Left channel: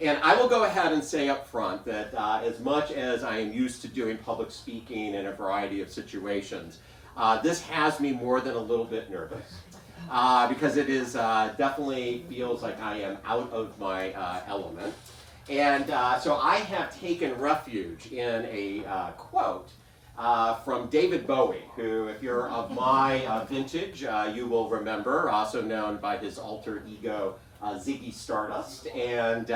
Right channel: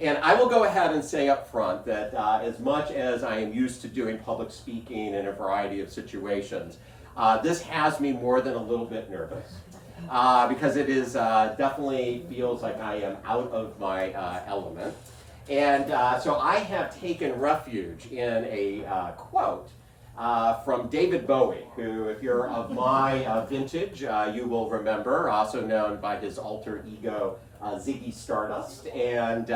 And I will go ahead and say up front that as much as I am used to doing public speaking in a variety of situations, this has me more than a little bit nervous. Because it is definitely feels like I am out of my element. And so I have taken refuge in a quote from David Bowie, who, if you're of my vintage, you will remember, also known by his alter ego, Ziggy Stardust. And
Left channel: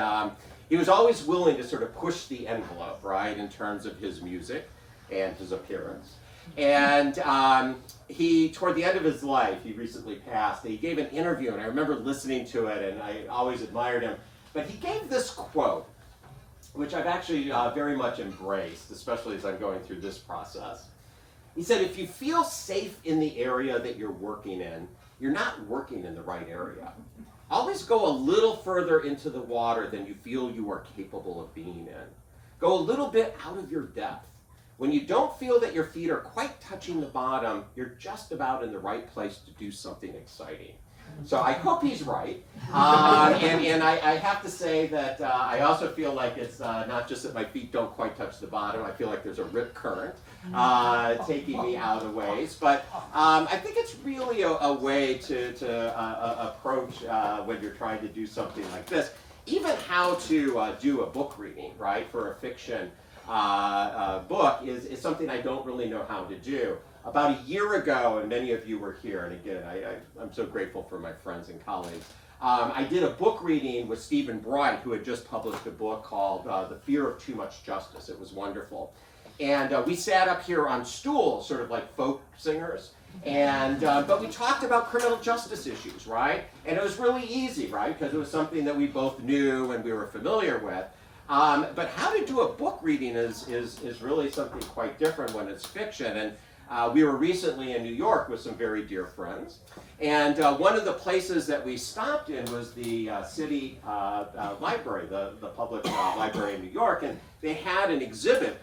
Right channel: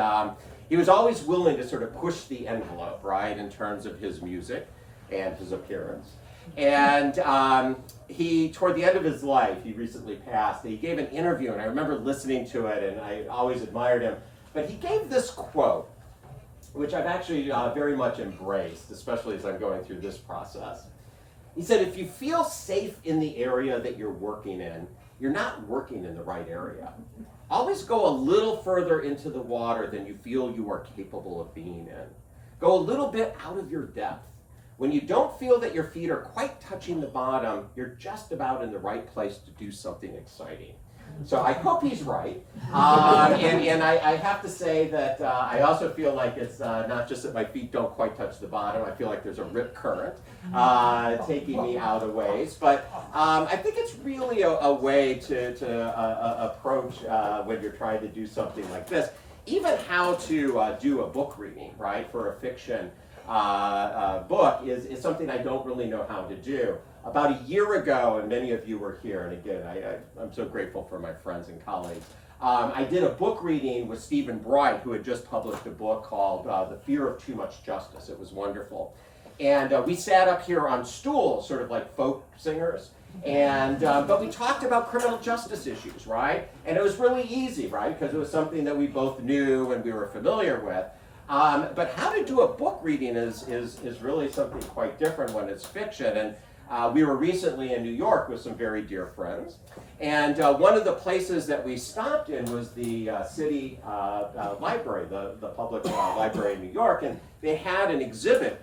he was always willing to sort of push the envelope, right, in terms of his music and his appearance. And he, toward the end of his life, he recently passed, he gave an interview, and I remember listening to it, and I always admired him. But he gave this quote, which I've actually very much embraced, especially as I'm going through this process. He said, if you feel safe in the area that you're working in, you're not working in the right area. Always go a little further into the water than you feel you are capable of being in. Go a little bit out of your depth. When you don't feel that your feet are quite touching the bottom, you're just about in the right place to do something exciting. So I hope he's right. And I have to say that I also feel like it's not just that my feet don't quite touch the bottom. I feel like there's a rip current taking me out of ways. But I think it's really a way to approach when you're trying to do something like this. Even how to do a book reading, right, for a fiction book is something I don't really know how to do. About a year ago, and many of you were here, and again, I'm so grateful for my friends and colleagues, I did a book reading with Stephen Bright, who had just published a book called The Fear of Too Much Justice. It was wonderful. And we sat up here on stools, sort of like folk singers, and but we talked about criminal justice issues, right? And it was really easy, right? Because it was something that we both knew and we were familiar with. But how to do a book reading is really something quite different when it's fiction. And we were recently in New York with some very dear friends. And one of the places that we stopped in was the city library, the public library in New York. And they had an exhibit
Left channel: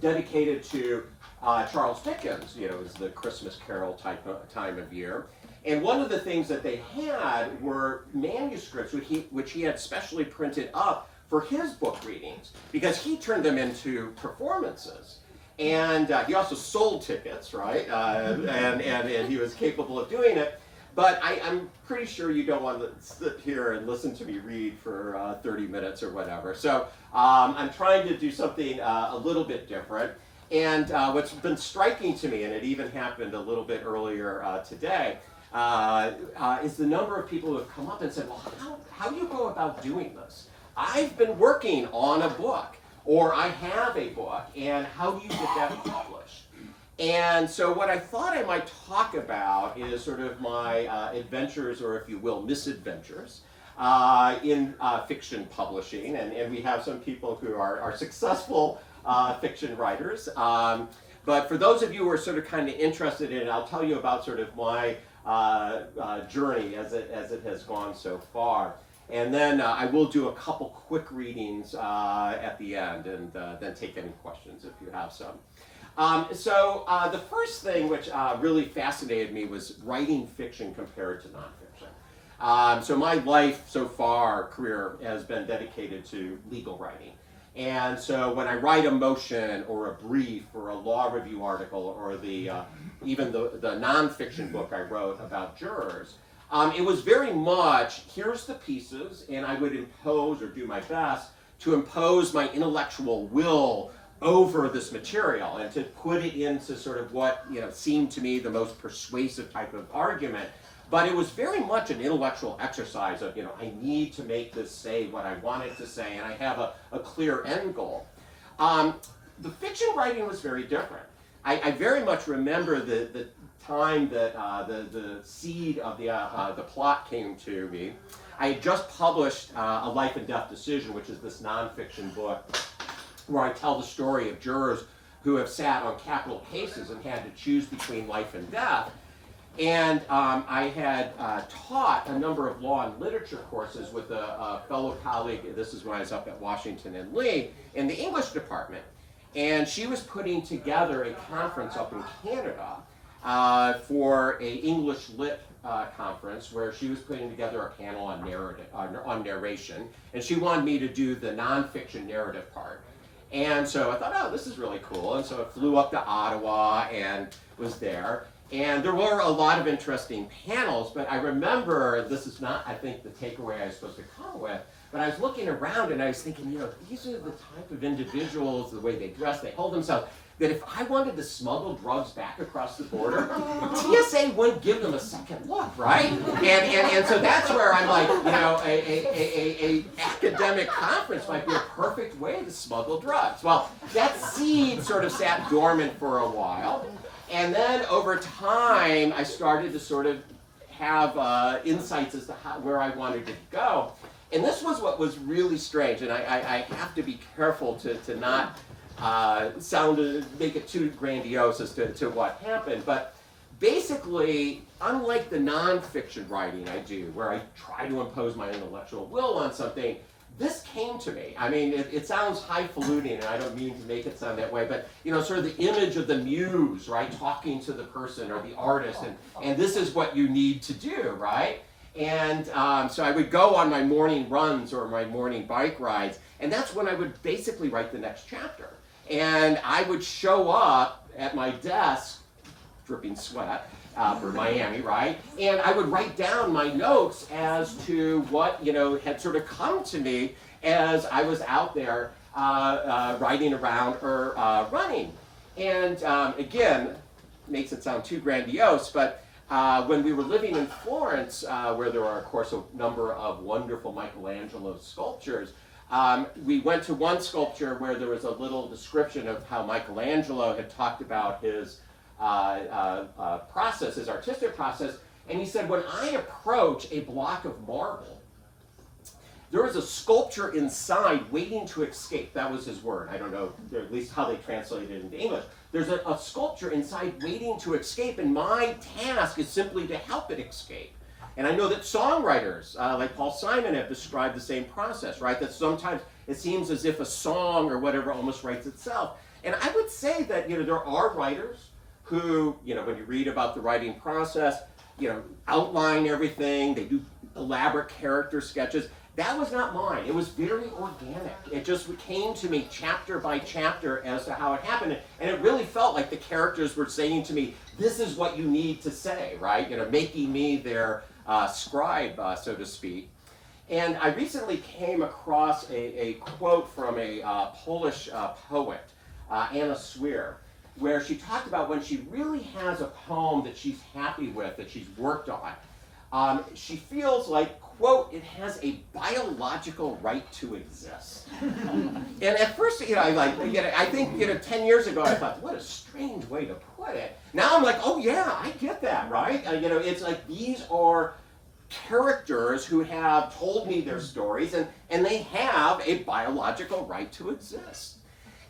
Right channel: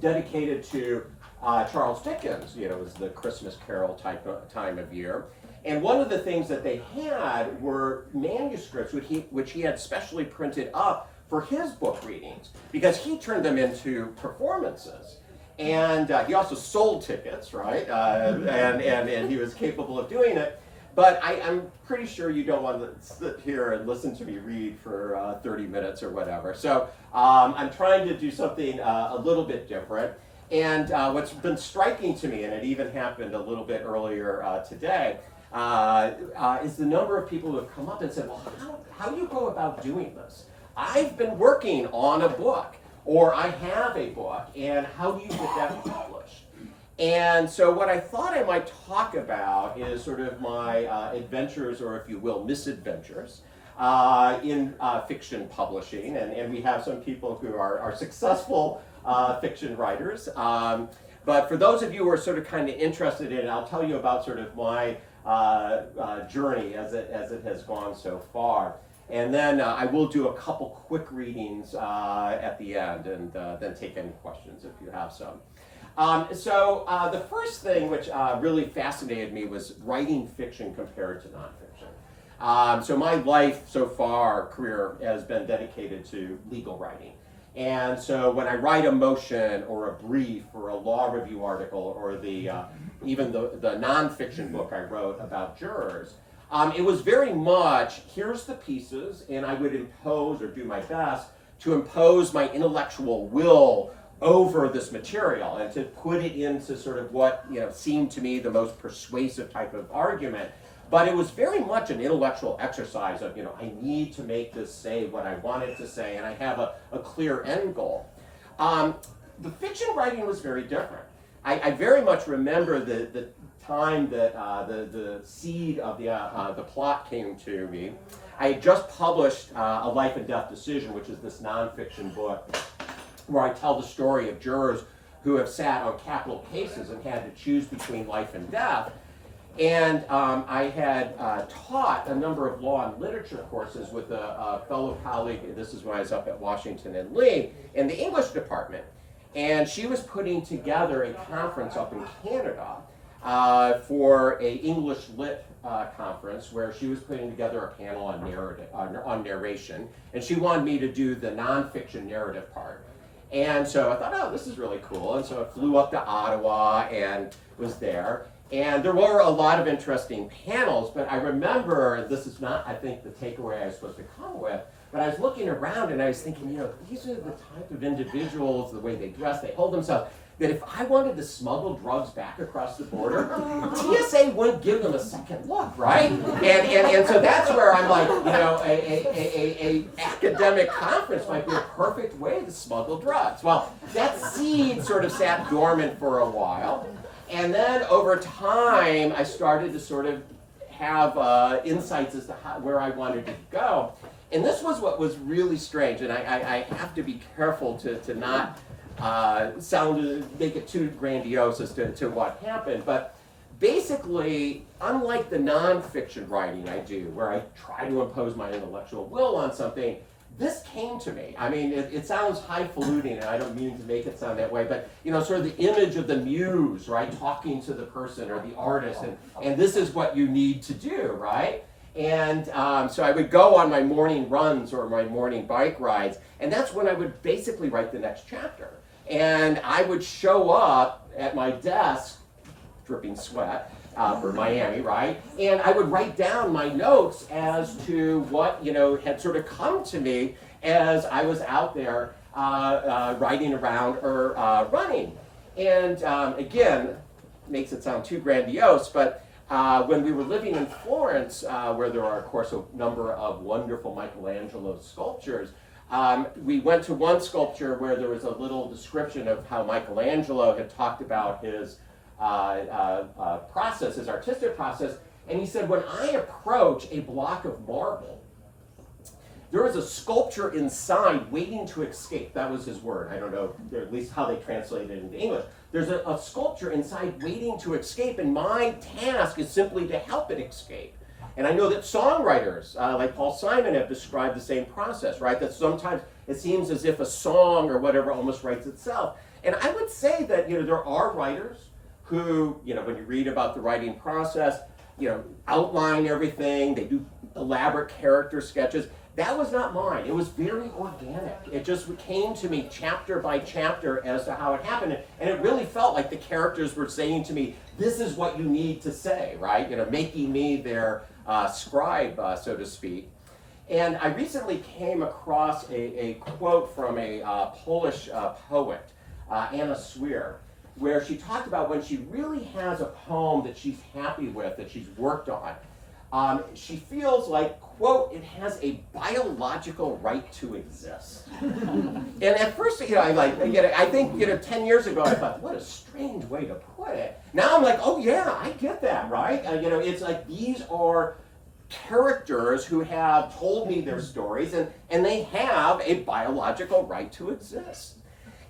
dedicated to Charles Dickens. You know, it was the Christmas Carol time of year. And one of the things that they had were manuscripts which he had specially printed up for his book readings, because he turned them into performances. And he also sold tickets, right? And he was capable of doing it. But I'm pretty sure you don't want to sit here and listen to me read for 30 minutes or whatever. So I'm trying to do something a little bit different. And what's been striking to me, and it even happened a little bit earlier today, is the number of people who have come up and said, well, how do you go about doing this? I've been working on a book, or I have a book, and how do you get that published? And so what I thought I might talk about is sort of my adventures, or if you will, misadventures, in fiction publishing. And we have some people who are successful fiction writers. But for those of you who are sort of kind of interested in it, I'll tell you about sort of my journey as it has gone so far. And then I will do a couple quick readings at the end, and then take any questions if you have some. So the first thing which really fascinated me was writing fiction compared to nonfiction. So my life so far, career, has been dedicated to legal writing. And so when I write a motion or a brief or a law review article or even the nonfiction book I wrote about jurors, it was very much, here's the pieces, and I would impose or do my best to impose my intellectual will over this material and to put it into sort of what seemed to me the most persuasive type of argument. But it was very much an intellectual exercise of, I need to make this say what I want it to say, and I have a clear end goal. The fiction writing was very different. I very much remember the time that the seed of the plot came to me. I had just published A Life and Death Decision, which is this nonfiction book where I tell the story of jurors who have sat on capital cases and had to choose between life and death. And I had taught a number of law and literature courses with a fellow colleague. This is when I was up at Washington and Lee in the English department. And she was putting together a conference up in Canada for a English lit conference where she was putting together a panel on narration, and she wanted me to do the nonfiction narrative part. And so I thought, oh, this is really cool. And so I flew up to Ottawa and was there. And there were a lot of interesting panels, but I remember, this is not, I think, the takeaway I was supposed to come with, but I was looking around and I was thinking, these are the type of individuals, the way they dress, they hold themselves, that if I wanted to smuggle drugs back across the border, TSA wouldn't give them a second look, right? And so that's where I'm like, a academic conference might be a perfect way to smuggle drugs. Well, that seed sort of sat dormant for a while, and then over time, I started to sort of have insights as to where I wanted to go. And this was what was really strange, and I have to be careful to not make it too grandiose as to what happened, but basically, unlike the nonfiction writing I do, where I try to impose my intellectual will on something, this came to me. I mean, it sounds highfalutin, and I don't mean to make it sound that way, but sort of the image of the muse, right, talking to the person or the artist, and this is what you need to do, right? And so I would go on my morning runs or my morning bike rides, and that's when I would basically write the next chapter. And I would show up at my desk, dripping sweat, for Miami, right? And I would write down my notes as to what, had sort of come to me as I was out there riding around or running. And again, makes it sound too grandiose, but when we were living in Florence, where there are, of course, a number of wonderful Michelangelo sculptures, we went to one sculpture where there was a little description of how Michelangelo had talked about his process, his artistic process, and he said, when I approach a block of marble, there is a sculpture inside waiting to escape. That was his word. I don't know, at least how they translated it into English. There's a sculpture inside waiting to escape, and my task is simply to help it escape. And I know that songwriters, like Paul Simon, have described the same process, right? That sometimes it seems as if a song or whatever almost writes itself. And I would say that, there are writers who, when you read about the writing process, outline everything, they do elaborate character sketches. That was not mine. It was very organic. It just came to me chapter by chapter as to how it happened. And it really felt like the characters were saying to me, this is what you need to say, right? Making me their scribe, so to speak. And I recently came across a quote from a Polish poet, Anna Swear, where she talked about when she really has a poem that she's happy with, that she's worked on, she feels like, quote, it has a biological right to exist. And at first, I think, 10 years ago, I thought, what a strange way to put it. Now I'm like, oh yeah, I get that, right? It's like these are characters who have told me their stories, and they have a biological right to exist.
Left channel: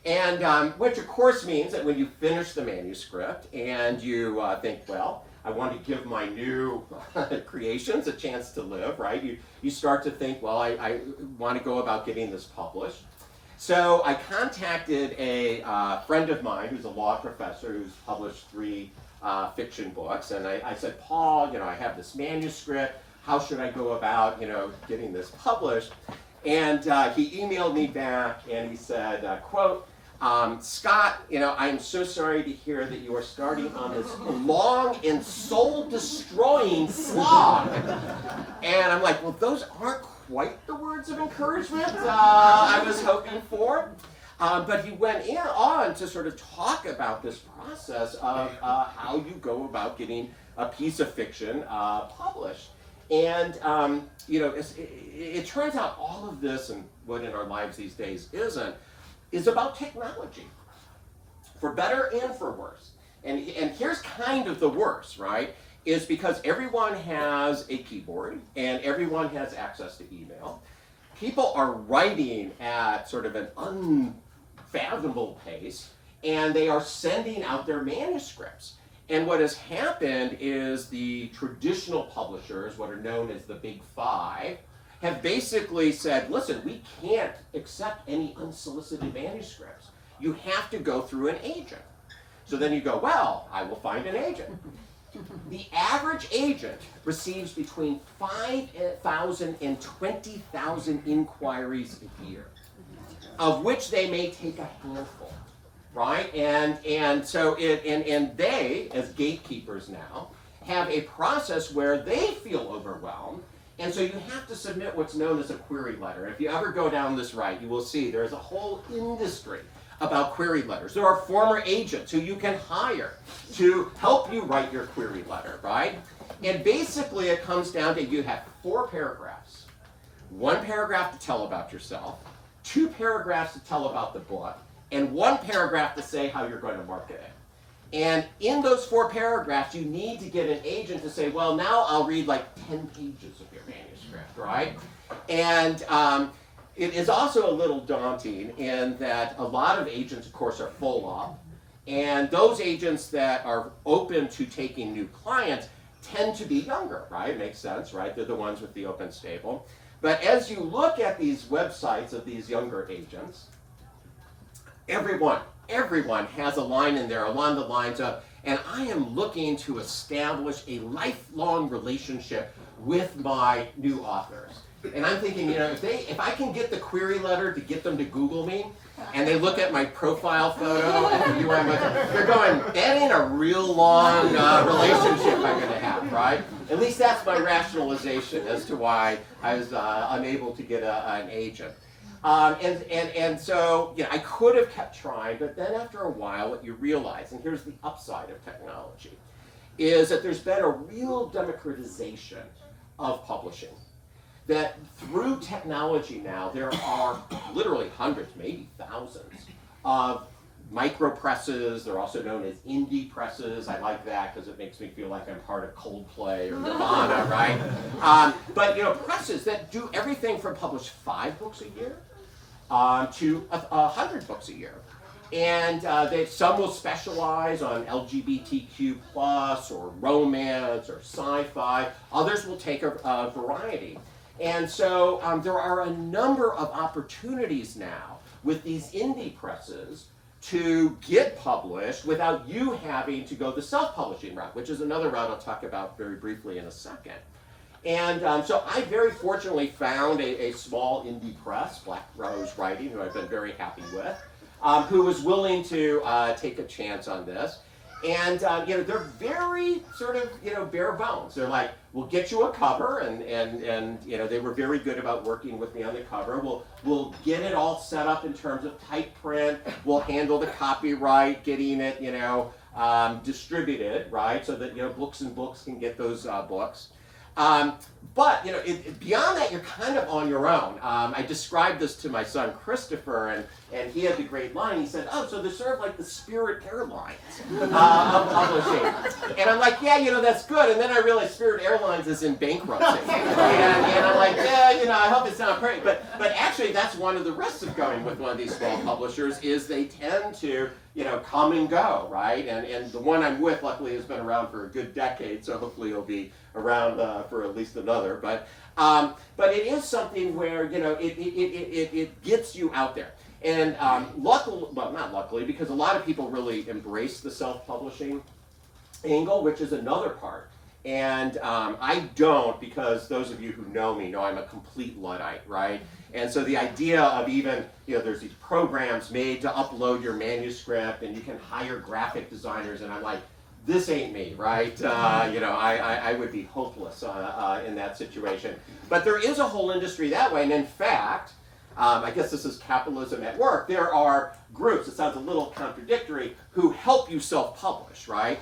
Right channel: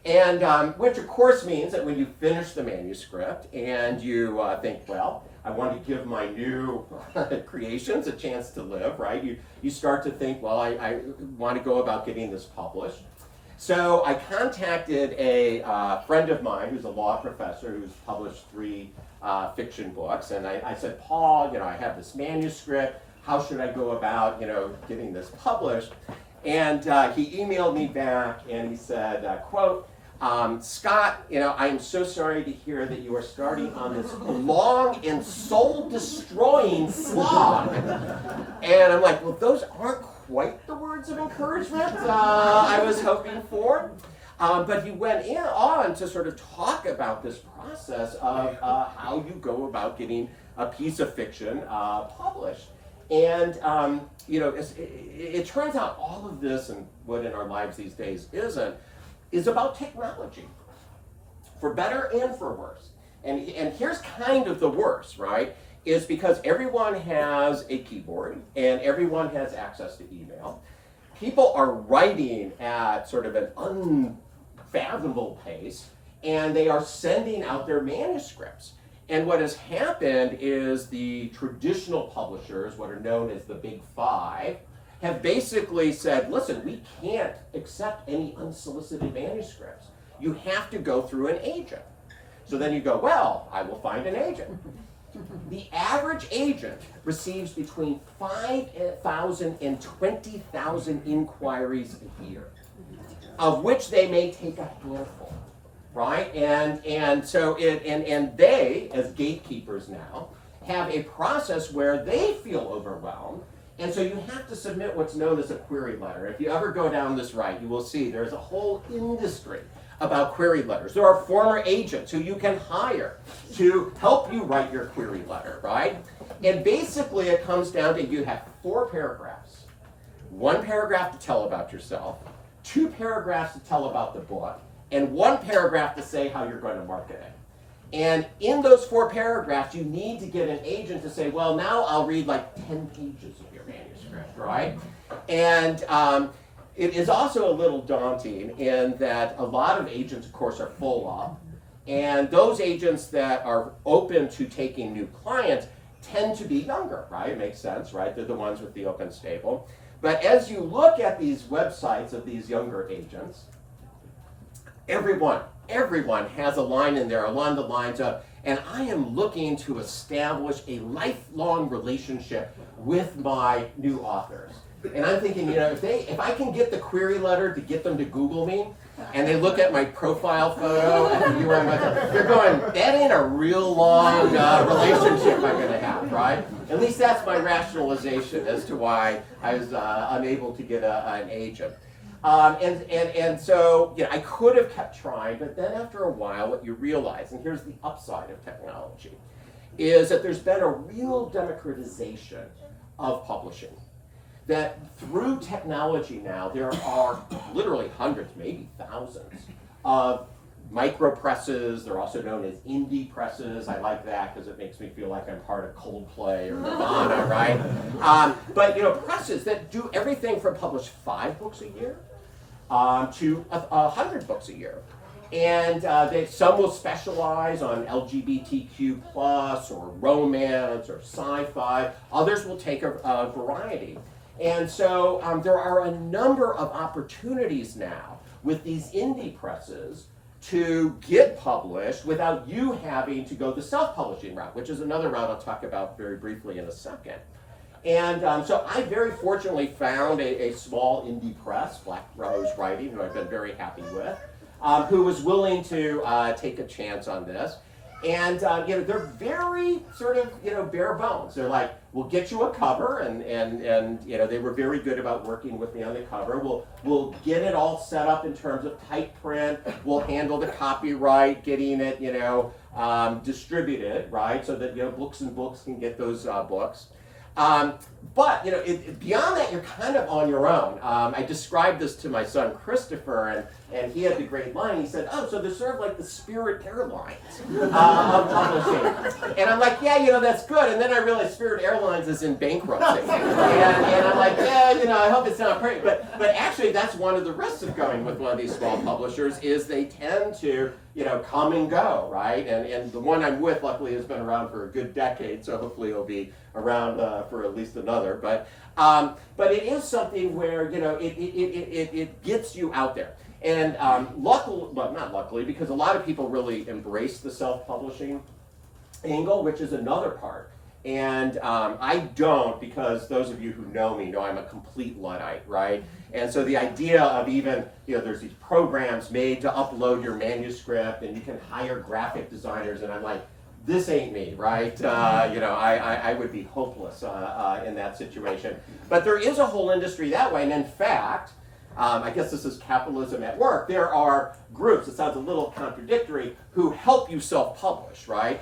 And which of course means that when you finish the manuscript and you think, well, I want to give my new creations a chance to live, right? You start to think, well, I want to go about getting this published. So I contacted a friend of mine who's a law professor who's published 3 fiction books, and I said, Paul, I have this manuscript. How should I go about, getting this published? And he emailed me back and he said, quote, Scott, I am so sorry to hear that you are starting on this long and soul-destroying slog. And I'm like, well, those aren't quite the words of encouragement I was hoping for. But he went on to sort of talk about this process of how you go about getting a piece of fiction published. And, it turns out all of this, and what in our lives these days isn't, is about technology, for better and for worse. And here's kind of the worst, right? Is because everyone has a keyboard and everyone has access to email. People are writing at sort of an unfathomable pace, and they are sending out their manuscripts. And what has happened is the traditional publishers, what are known as the Big Five, have basically said, listen, we can't accept any unsolicited manuscripts. You have to go through an agent. So then you go, well, I will find an agent. The average agent receives between 5,000 and 20,000 inquiries a year, of which they may take a handful, right? And so they, as gatekeepers now, have a process where they feel overwhelmed, and so you have to submit what's known as a query letter. If you ever go down this right, you will see there's a whole industry about query letters. There are former agents who you can hire to help you write your query letter, right? And basically it comes down to you have 4 paragraphs. 1 paragraph to tell about yourself, 2 paragraphs to tell about the book, and 1 paragraph to say how you're going to market it. And in those 4 paragraphs, you need to get an agent to say, well, now I'll read like 10 pages of your manuscript, right? And it is also a little daunting in that a lot of agents, of course, are full up. And those agents that are open to taking new clients tend to be younger, right? It makes sense, right? They're the ones with the open stable. But as you look at these websites of these younger agents, everyone has a line in there along the lines of, and I am looking to establish a lifelong relationship with my new authors. And I'm thinking, if I can get the query letter to get them to Google me, and they look at my profile photo and the URL with them, they're going, that ain't a real long relationship I'm going to have, right? At least that's my rationalization as to why I was unable to get an agent. And so, I could have kept trying, but then after a while, what you realize, and here's the upside of technology, is that there's been a real democratization of publishing. That through technology now, there are literally hundreds, maybe thousands, of micro presses. They're also known as indie presses. I like that because it makes me feel like I'm part of Coldplay or Nirvana, right? But presses that do everything from publish 5 books a year to 100 books a year. And some will specialize on LGBTQ plus or romance or sci-fi. Others will take a variety. And so there are a number of opportunities now with these indie presses to get published without you having to go the self-publishing route, which is another route I'll talk about very briefly in a second. And so I very fortunately found a small indie press, Black Rose Writing, who I've been very happy with, who was willing to take a chance on this. And they're very sort of bare bones. They're like, we'll get you a cover, and they were very good about working with me on the cover. We'll get it all set up in terms of type print. We'll handle the copyright, getting it distributed, right, so that Books and Books can get those books. But beyond that, you're kind of on your own. I described this to my son Christopher, and he had the great line. He said, "Oh, so they're sort of like the Spirit Airlines of publishing." And I'm like, "Yeah, that's good." And then I realized Spirit Airlines is in bankruptcy, and I'm like, "Yeah, I hope it's not great." But actually, that's one of the risks of going with one of these small publishers is they tend to come and go, right? And the one I'm with, luckily, has been around for a good decade, so hopefully it'll be around for at least another. But it is something where it gets you out there. And not luckily, because a lot of people really embrace the self-publishing angle, which is another part. And I don't, because those of you who know me know I'm a complete Luddite, right? And so the idea of even, there's these programs made to upload your manuscript, and you can hire graphic designers, and I'm like, this ain't me, right? I would be hopeless in that situation. But there is a whole industry that way, and in fact, I guess this is capitalism at work. There are groups, it sounds a little contradictory, who help you self-publish, right?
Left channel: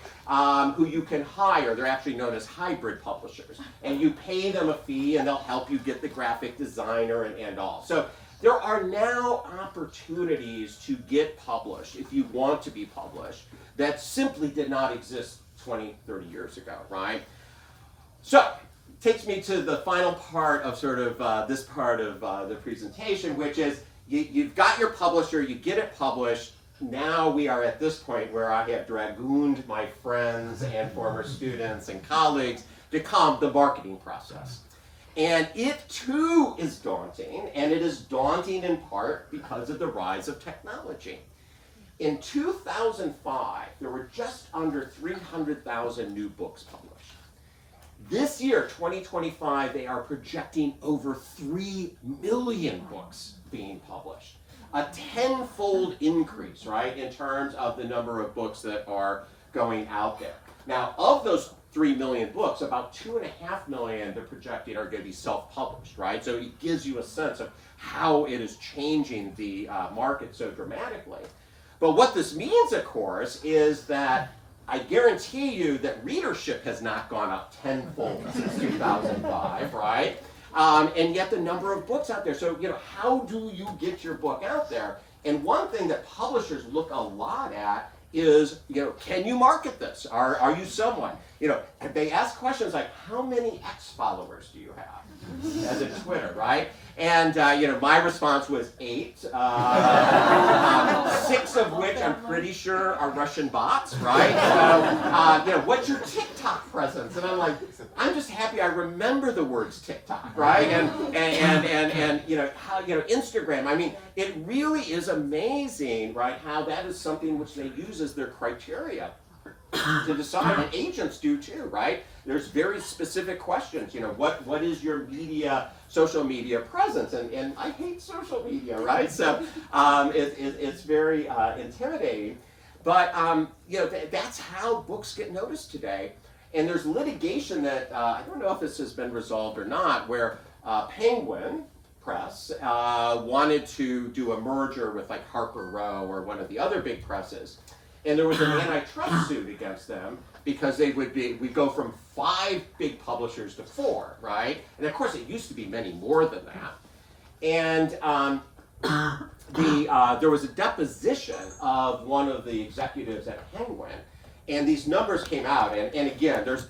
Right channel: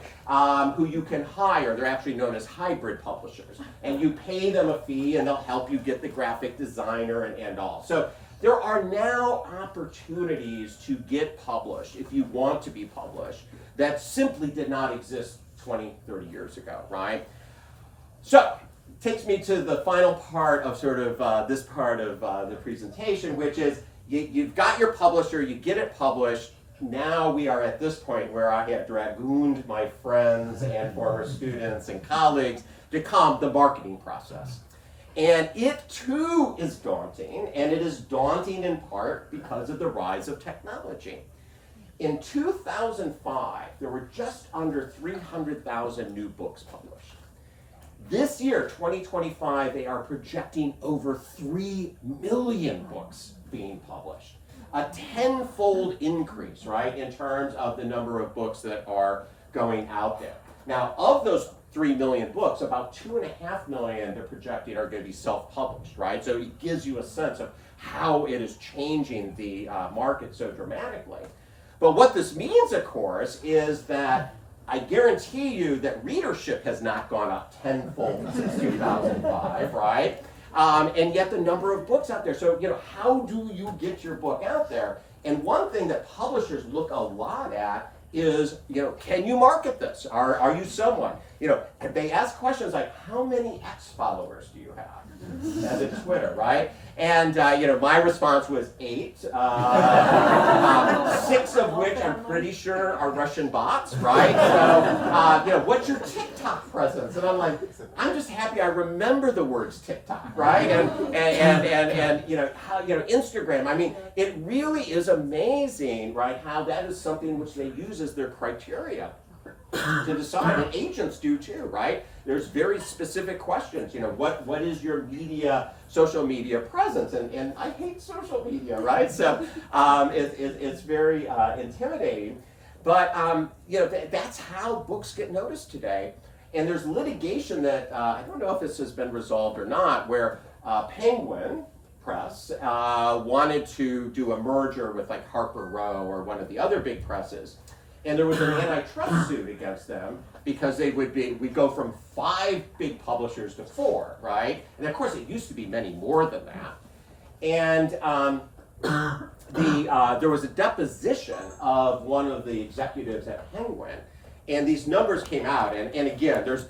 Who you can hire. They're actually known as hybrid publishers. And you pay them a fee, and they'll help you get the graphic designer and all. So there are now opportunities to get published, if you want to be published, that simply did not exist 20, 30 years ago, right? So, takes me to the final part of this part of the presentation, which is you've got your publisher, you get it published. Now we are at this point where I have dragooned my friends and former students and colleagues to come the marketing process. And it too is daunting, and it is daunting in part because of the rise of technology. In 2005, there were just under 300,000 new books published. This year, 2025, they are projecting over 3 million books being published. A tenfold increase, right, in terms of the number of books that are going out there. Now, of those 3 million books, about 2.5 million they're projecting are going to be self-published, right? So it gives you a sense of how it is changing the market so dramatically. But what this means, of course, is that I guarantee you that readership has not gone up tenfold since 2005, right? And yet the number of books out there. So, how do you get your book out there? And one thing that publishers look a lot at is, can you market this? Are you someone? They ask questions like, how many X followers do you have? As in Twitter, right? And, my response was 8, 6 of which I'm pretty sure are Russian bots, right? So, what's your TikTok presence? And I'm like, I'm just happy I remember the words TikTok, right? And how, Instagram. I mean, it really is amazing, right, how that is something which they use as their criteria to decide, and agents do too, right? There's very specific questions, what is your social media presence? And I hate social media, right? So it's very intimidating. But, that's how books get noticed today. And there's litigation that, I don't know if this has been resolved or not, where Penguin Press wanted to do a merger with like Harper Row or one of the other big presses. And there was an antitrust suit against them because we'd go from 5 big publishers to 4, right? And of course it used to be many more than that. And there was a deposition of one of the executives at Penguin, and these numbers came out. And again, there's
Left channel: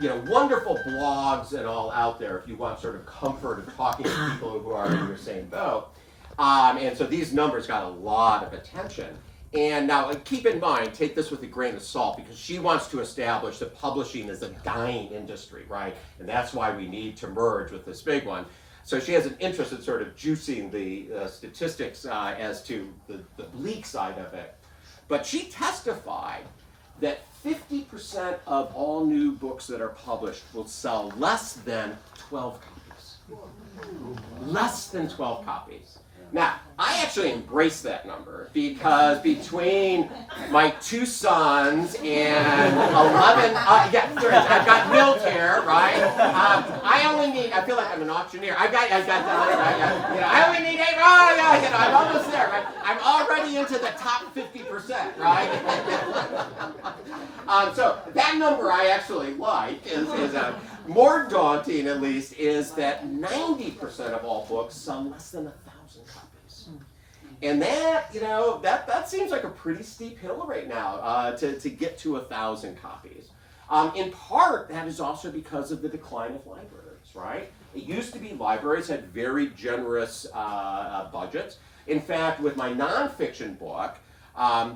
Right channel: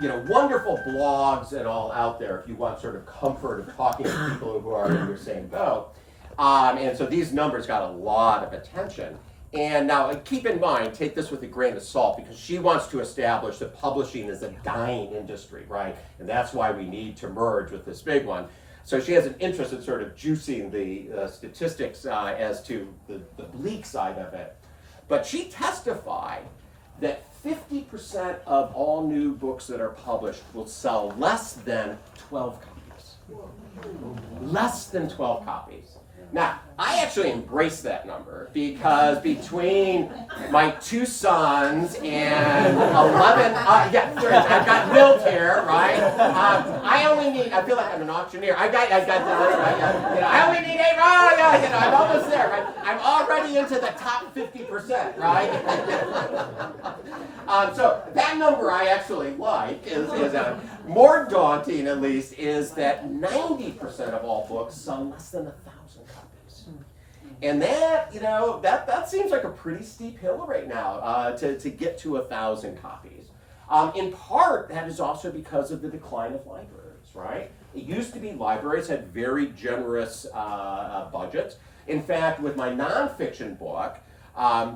wonderful blogs and all out there if you want sort of comfort of talking to people who are in your same boat. And so these numbers got a lot of attention. And now keep in mind, take this with a grain of salt, because she wants to establish that publishing is a dying industry, right? And that's why we need to merge with this big one. So she has an interest in sort of juicing the statistics as to the bleak side of it. But she testified that 50% of all new books that are published will sell less than 12 copies. Less than 12 copies. Now, I actually embrace that number because between my 2 sons and 11, I've got military, right? I feel like I'm an auctioneer. I only need 8, I'm almost there, right? I'm already into the top 50%, right? So that number I actually like is more daunting, at least, is that 90% of all books sell less than 1,000 copies. And that, that seems like a pretty steep hill right now to get to 1,000 copies. In part, that is also because of the decline of libraries, right? It used to be libraries had very generous budgets. In fact, with my nonfiction book,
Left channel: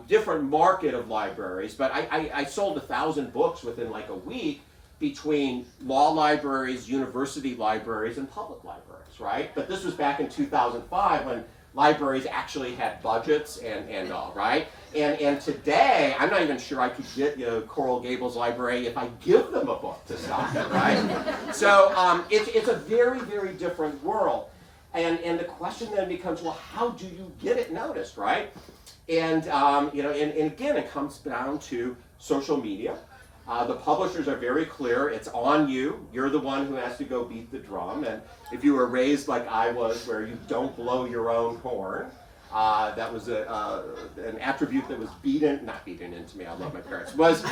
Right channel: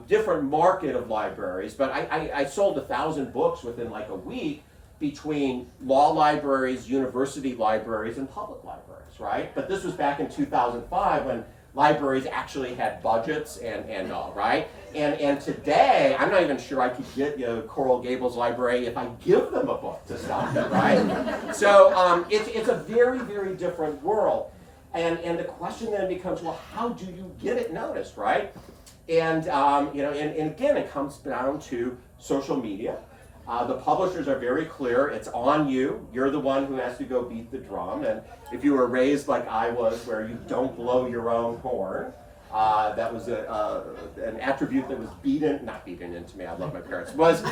different market of libraries, but I sold 1,000 books within like a week between law libraries, university libraries, and public libraries, right? But this was back in 2005 when libraries actually had budgets and all, right? And today, I'm not even sure I could get Coral Gables Library if I give them a book to stock it, right? So it's a very, very different world. And the question then becomes, well, how do you get it noticed, right? And and again, it comes down to social media. The publishers are very clear. It's on you. You're the one who has to go beat the drum. And if you were raised like I was, where you don't blow your own horn, that was an attribute that was not beaten into me. I love my parents. Was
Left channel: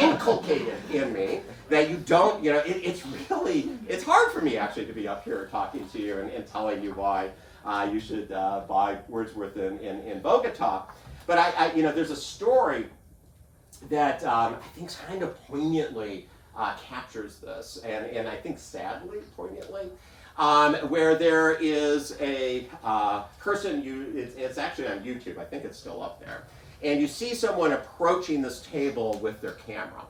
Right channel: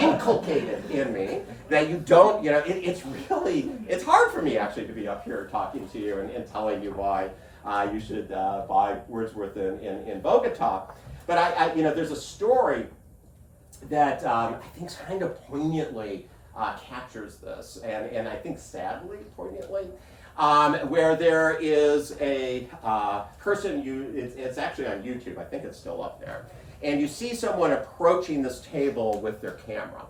inculcated in me that you don't. It's hard for me actually to be up here talking to you and telling you why you should buy Wordsworth in Bogota. But there's a story that I think kind of poignantly captures this, and I think sadly poignantly, where there is a person, it's actually on YouTube, I think it's still up there, and you see someone approaching this table with their camera.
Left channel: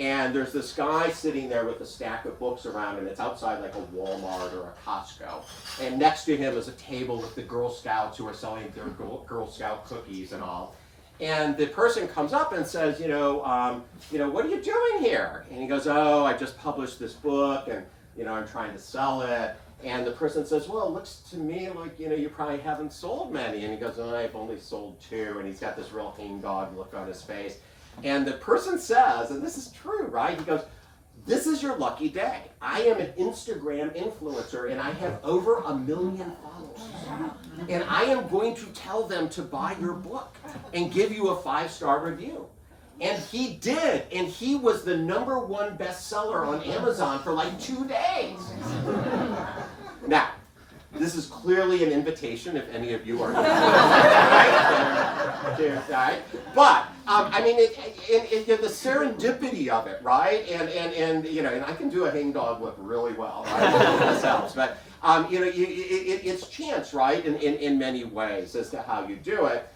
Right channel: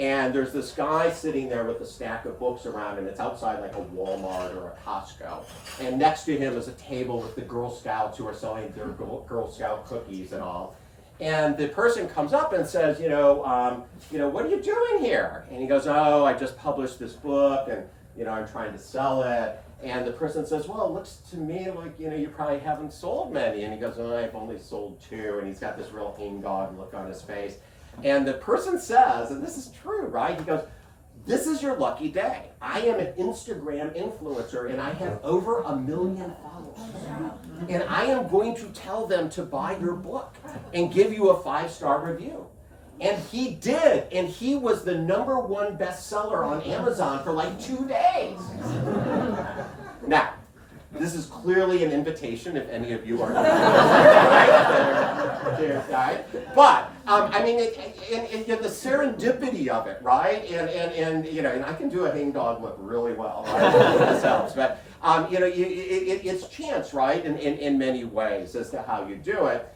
And there's this guy sitting there with a stack of books around him. It's outside like a Walmart or a Costco. And next to him is a table with the Girl Scouts who are selling their Girl Scout cookies and all. And the person comes up and says, what are you doing here? And he goes, oh, I just published this book and, I'm trying to sell it. And the person says, well, it looks to me like, you probably haven't sold many. And he goes, oh, I've only sold 2. And he's got this real hangdog look on his face. And the person says, and this is true, right? He goes, this is your lucky day. I am an Instagram influencer and I have over 1 million followers. And I am going to tell them to buy your book and give you a 5-star review. And he did, and he was the #1 bestseller on Amazon for like 2 days. Now, this is clearly an invitation if any of you are right? But the serendipity of it, right? And I can do a hangdog look really well, right? This helps, but it's chance, right? In many ways as to how you do it.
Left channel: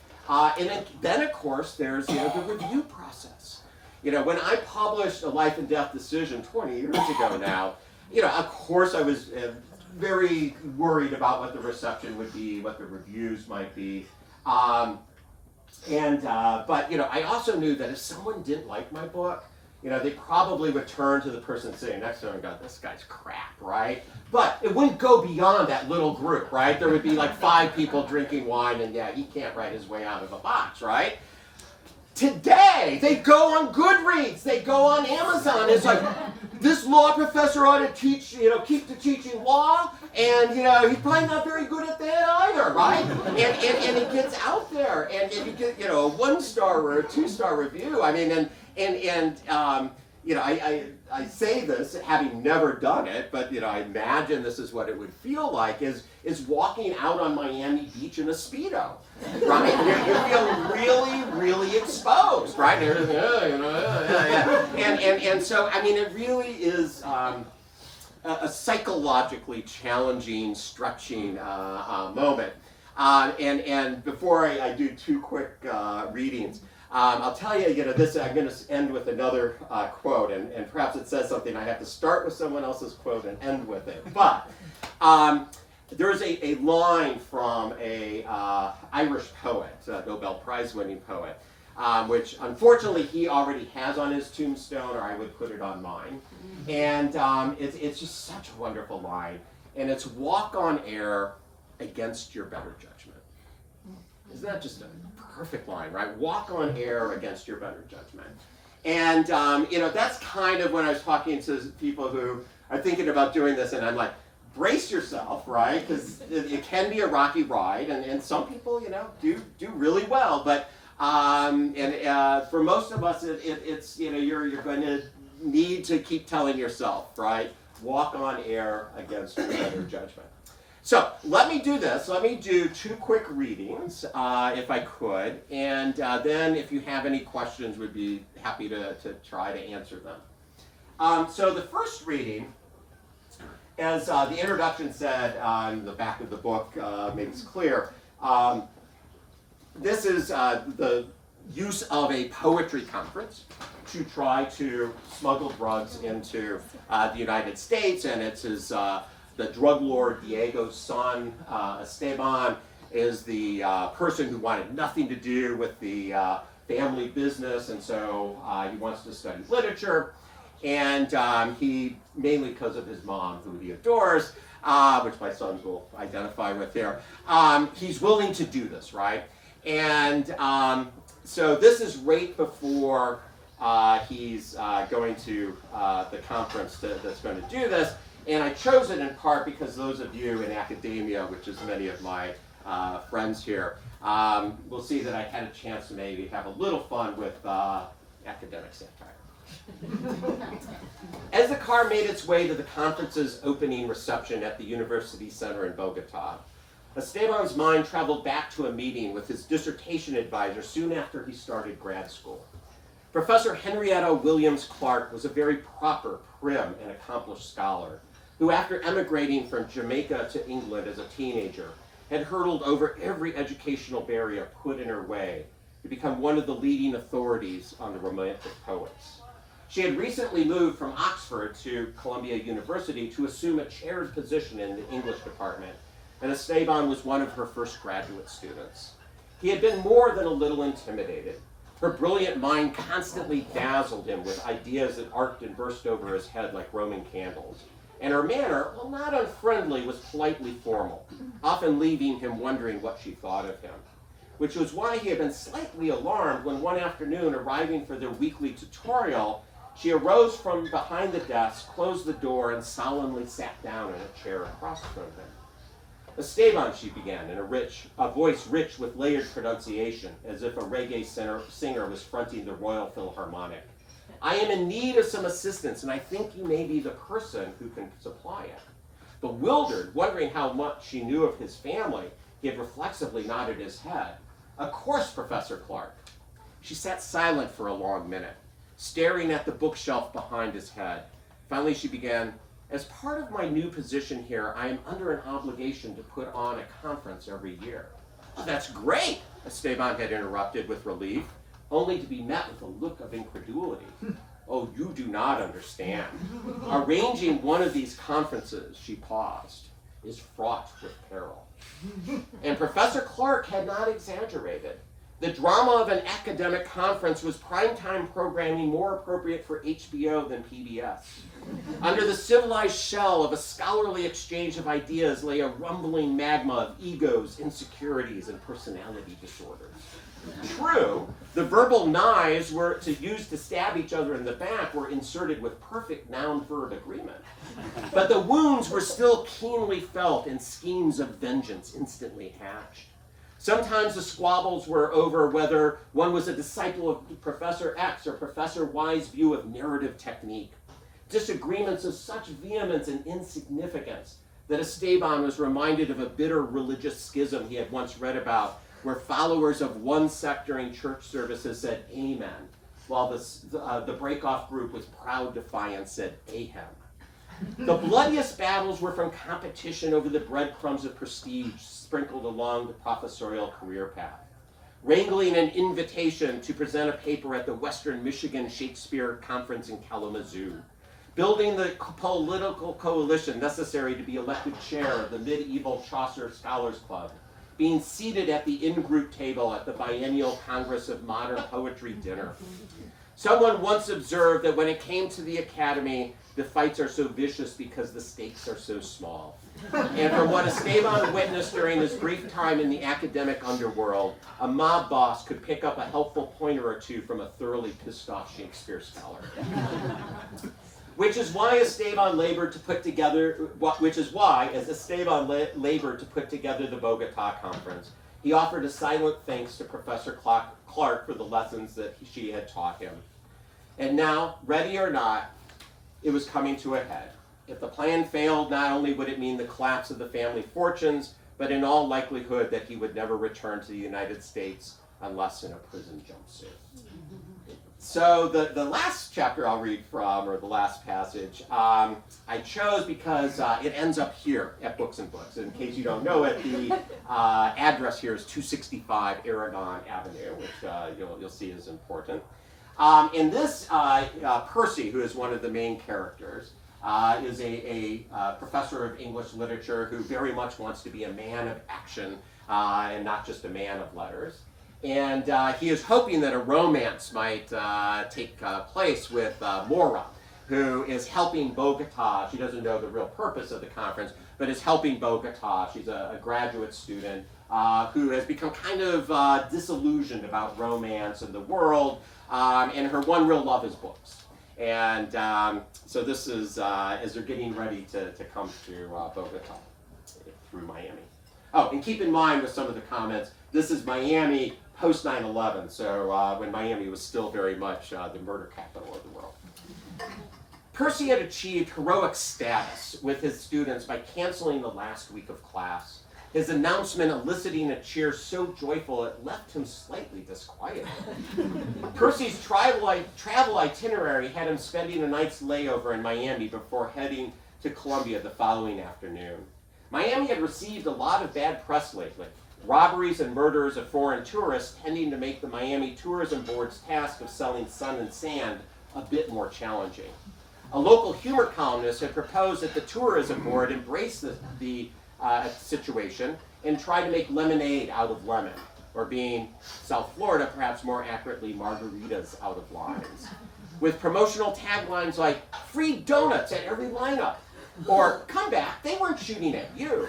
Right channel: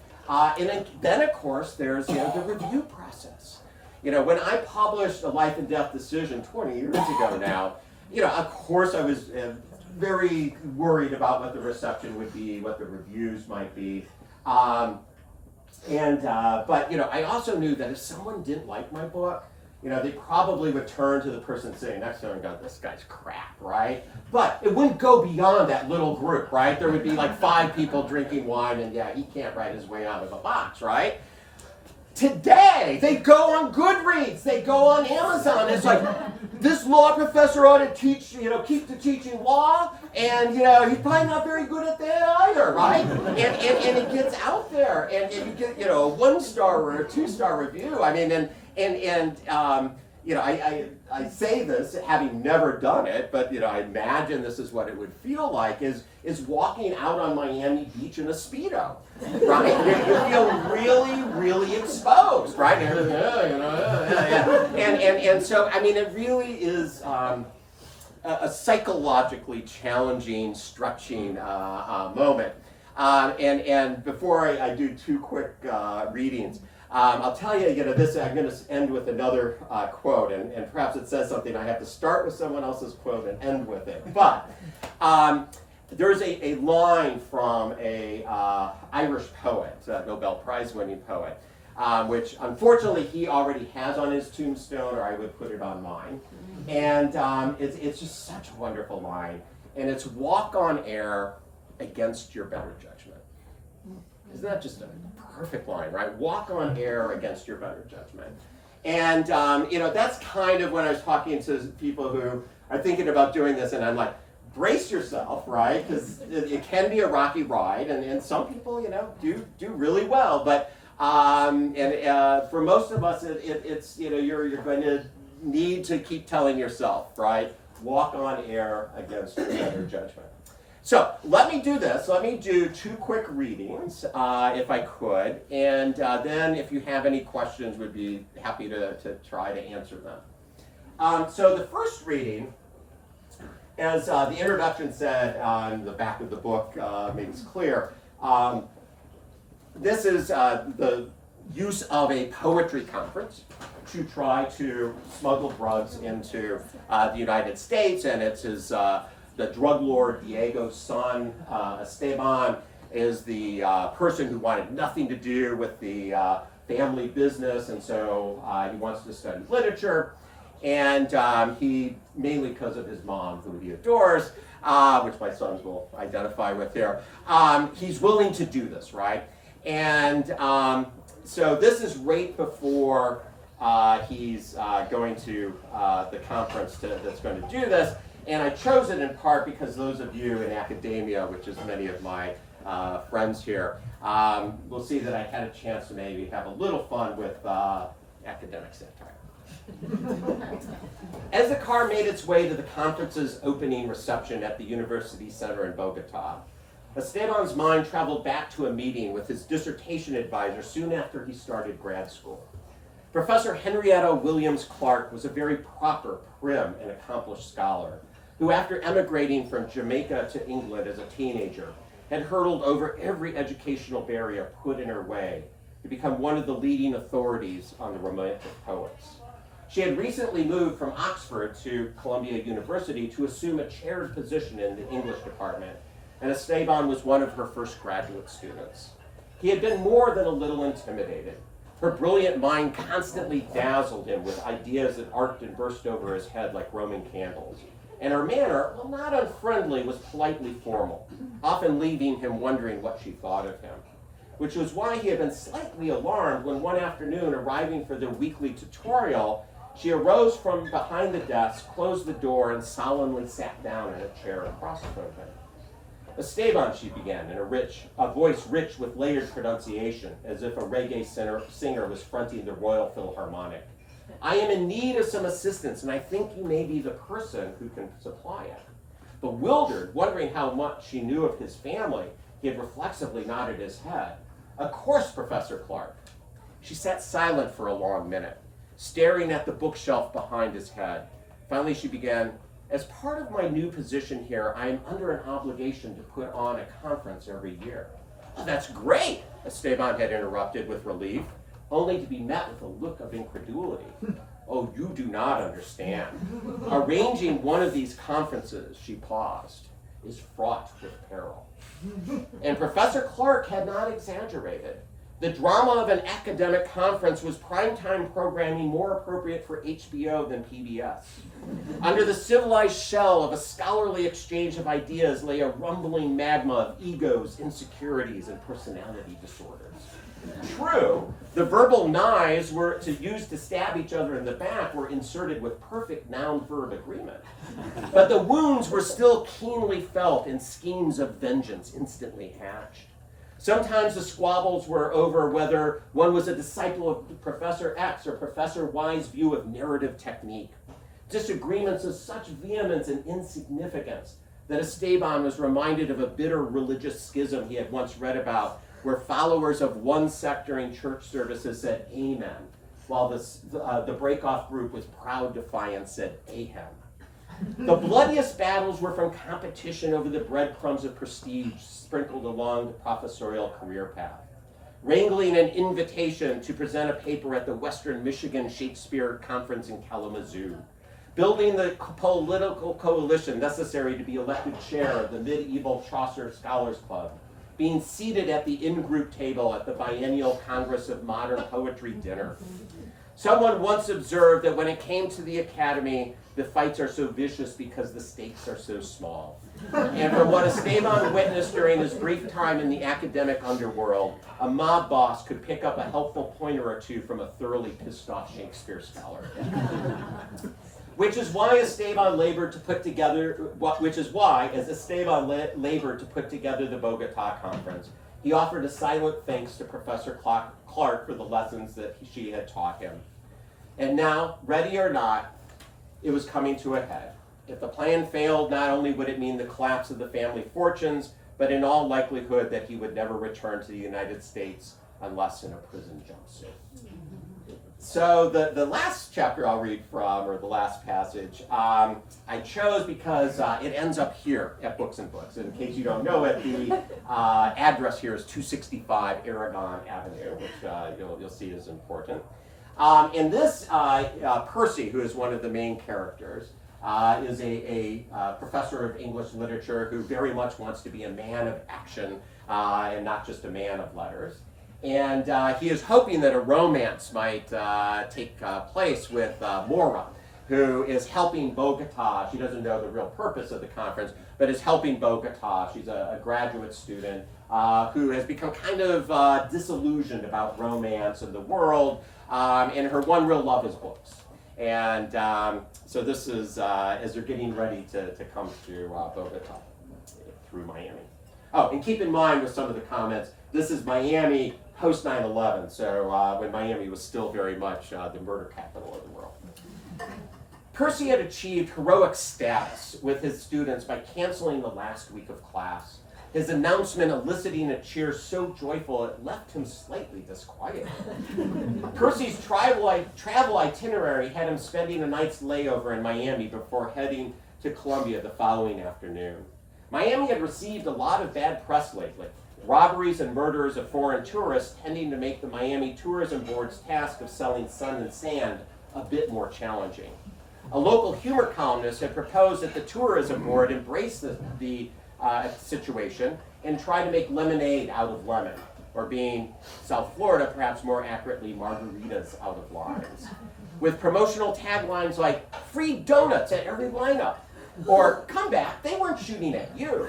Then of course there's the review process. When I published A Life and Death Decision 20 years ago now, of course I was very worried about what the reception would be, what the reviews might be. But I also knew that if someone didn't like my book, they probably would turn to the person sitting next to them and go, this guy's crap, right? But it wouldn't go beyond that little group, right? There would be like 5 people drinking wine and he can't write his way out of a box, right? Today, they go on Goodreads, they go on Amazon. It's like, this law professor ought to teach, keep to teaching law, and, he's probably not very good at that either, right? And it gets out there, and you get, a 1-star or a 2-star review. I mean, I say this having never done it, but I imagine this is what it would feel like is walking out on Miami Beach in a Speedo, right? You feel really, really exposed, right? And so it really is a psychologically challenging, stretching moment. And before I do 2 quick readings. I'll tell you, this. I'm going to end with another quote, and perhaps it says something. I have to start with someone else's quote and end with it. But there's a line from a Irish poet, a Nobel Prize-winning poet, which unfortunately he already has on his tombstone, or I would put it on mine. And it's just such a wonderful line, and it's "Walk on air against your better judgment." Isn't that just a perfect line, right? Walk on air against your better judgment. And, that's kind of when I was talking to people who are thinking about doing this, and I'm like, brace yourself, right? Because it can be a rocky ride, and some people, do really well. But, for most of us, it's you're going to need to keep telling yourself, right? Walk on air against your better judgment. So let me do this. Let me do 2 quick readings, if I could, and then if you have any questions, we'd be happy to try to answer them. So the first reading, as the introduction said on the back of the book, makes clear, this is the use of a poetry conference to try to smuggle drugs into the United States, and it's his... the drug lord Diego's son, Esteban, is the person who wanted nothing to do with the family business, and so he wants to study literature. And he, mainly because of his mom, who he adores, which my sons will identify with here, he's willing to do this, right? And so this is right before he's going to the conference that's going to do this. And I chose it in part because those of you in academia, which is many of my friends here, will see that I had a chance to maybe have a little fun with academic satire. As the car made its way to the conference's opening reception at the University Center in Bogota, Esteban's mind traveled back to a meeting with his dissertation advisor soon after he started grad school. Professor Henrietta Williams Clark was a very proper, prim, and accomplished scholar who, after emigrating from Jamaica to England as a teenager, had hurdled over every educational barrier put in her way to become one of the leading authorities on the Romantic poets. She had recently moved from Oxford to Columbia University to assume a chaired position in the English department, and Esteban was one of her first graduate students. He had been more than a little intimidated. Her brilliant mind constantly dazzled him with ideas that arced and burst over his head like Roman candles. And her manner, while not unfriendly, was politely formal, often leaving him wondering what she thought of him. Which was why he had been slightly alarmed when one afternoon, arriving for their weekly tutorial, she arose from behind the desk, closed the door, and solemnly sat down in a chair across from him. Esteban, she began, in a voice rich with layered pronunciation, as if a reggae singer was fronting the Royal Philharmonic. I am in need of some assistance, and I think you may be the person who can supply it. Bewildered, wondering how much she knew of his family, he had reflexively nodded his head. Of course, Professor Clark. She sat silent for a long minute, staring at the bookshelf behind his head. Finally, she began, as part of my new position here, I am under an obligation to put on a conference every year. Oh, that's great, Esteban had interrupted with relief, only to be met with a look of incredulity. Oh, you do not understand. Arranging one of these conferences, she paused, is fraught with peril. And Professor Clark had not exaggerated. The drama of an academic conference was primetime programming more appropriate for HBO than PBS. Under the civilized shell of a scholarly exchange of ideas lay a rumbling magma of egos, insecurities, and personality disorders. True, the verbal knives were to use to stab each other in the back were inserted with perfect noun-verb agreement. But the wounds were still keenly felt and schemes of vengeance instantly hatched. Sometimes the squabbles were over whether one was a disciple of Professor X or Professor Y's view of narrative technique. Disagreements of such vehemence and insignificance that Esteban was reminded of a bitter religious schism he had once read about, where followers of one sect during church services said amen, while the break-off group with proud defiance said ahem. The bloodiest battles were from competition over the breadcrumbs of prestige sprinkled along the professorial career path. Wrangling an invitation to present a paper at the Western Michigan Shakespeare Conference in Kalamazoo. Building the political coalition necessary to be elected chair of the Medieval Chaucer Scholars Club. Being seated at the in-group table at the Biennial Congress of Modern Poetry dinner. Someone once observed that when it came to the academy, the fights are so vicious because the stakes are so small. And from what Esteban witnessed during his brief time in the academic underworld, a mob boss could pick up a helpful pointer or two from a thoroughly pissed off Shakespeare scholar. Which is why Esteban labored to put together the Bogota conference. He offered a silent thanks to Professor Clark for the lessons that she had taught him. And now, ready or not, it was coming to a head. If the plan failed, not only would it mean the collapse of the family fortunes, but in all likelihood that he would never return to the United States unless in a prison jumpsuit. So the last chapter I'll read from, or the last passage, I chose because it ends up here at Books and Books. In case you don't know it, the address here is 265 Aragon Avenue, which you'll see is important. And this, Percy, who is one of the main characters, is a professor of English literature who very much wants to be a man of action and not just a man of letters. And he is hoping that a romance might take place with Mora, who is helping Bogota. She doesn't know the real purpose of the conference, but is helping Bogota. She's a graduate student who has become kind of disillusioned about romance and the world, and her one real love is books. And so this is as they're getting ready to come to Bogota through Miami. Oh, and keep in mind with some of the comments, this is Miami post 9/11, so when Miami was still very much the murder capital of the world. Percy had achieved heroic status with his students by canceling the last week of class, his announcement eliciting a cheer so joyful it left him slightly disquieted. Percy's travel itinerary had him spending a night's layover in Miami before heading to Columbia the following afternoon. Miami had received a lot of bad press lately. Robberies and murders of foreign tourists tending to make the Miami Tourism Board's task of selling sun and sand a bit more challenging. A local humor columnist had proposed that the tourism board embrace the situation and try to make lemonade out of lemon, or being South Florida, perhaps more accurately, margaritas out of limes, with promotional taglines like "free donuts at every lineup," or "come back, they weren't shooting at you."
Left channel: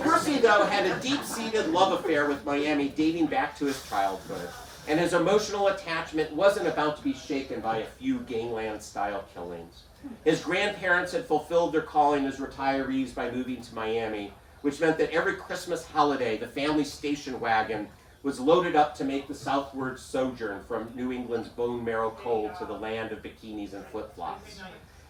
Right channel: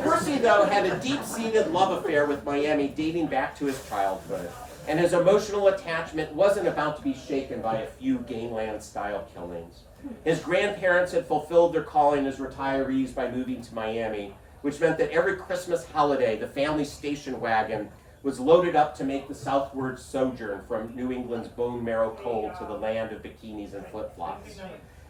Percy, though, had a deep-seated love affair with Miami dating back to his childhood, and his emotional attachment wasn't about to be shaken by a few gangland-style killings. His grandparents had fulfilled their calling as retirees by moving to Miami, which meant that every Christmas holiday, the family station wagon was loaded up to make the southward sojourn from New England's bone marrow cold to the land of bikinis and flip-flops.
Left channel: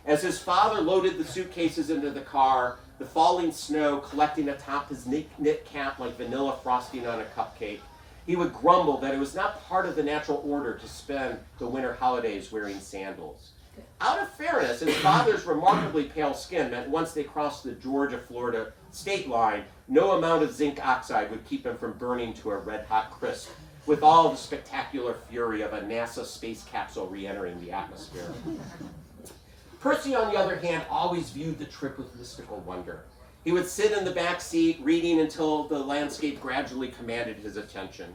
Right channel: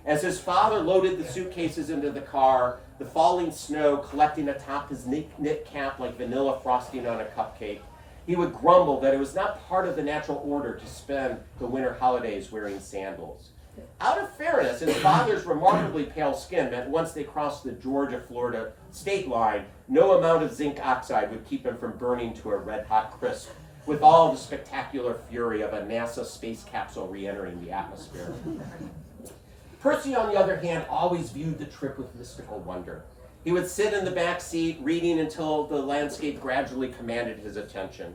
As his father loaded the suitcases into the car, the falling snow collecting atop his knit cap like vanilla frosting on a cupcake, he would grumble that it was not part of the natural order to spend the winter holidays wearing sandals. Out of fairness, his father's remarkably pale skin meant once they crossed the Georgia-Florida state line, no amount of zinc oxide would keep him from burning to a red-hot crisp, with all the spectacular fury of a NASA space capsule re-entering the atmosphere. Percy, on the other hand, always viewed the trip with mystical wonder. He would sit in the back seat, reading until the landscape gradually commanded his attention.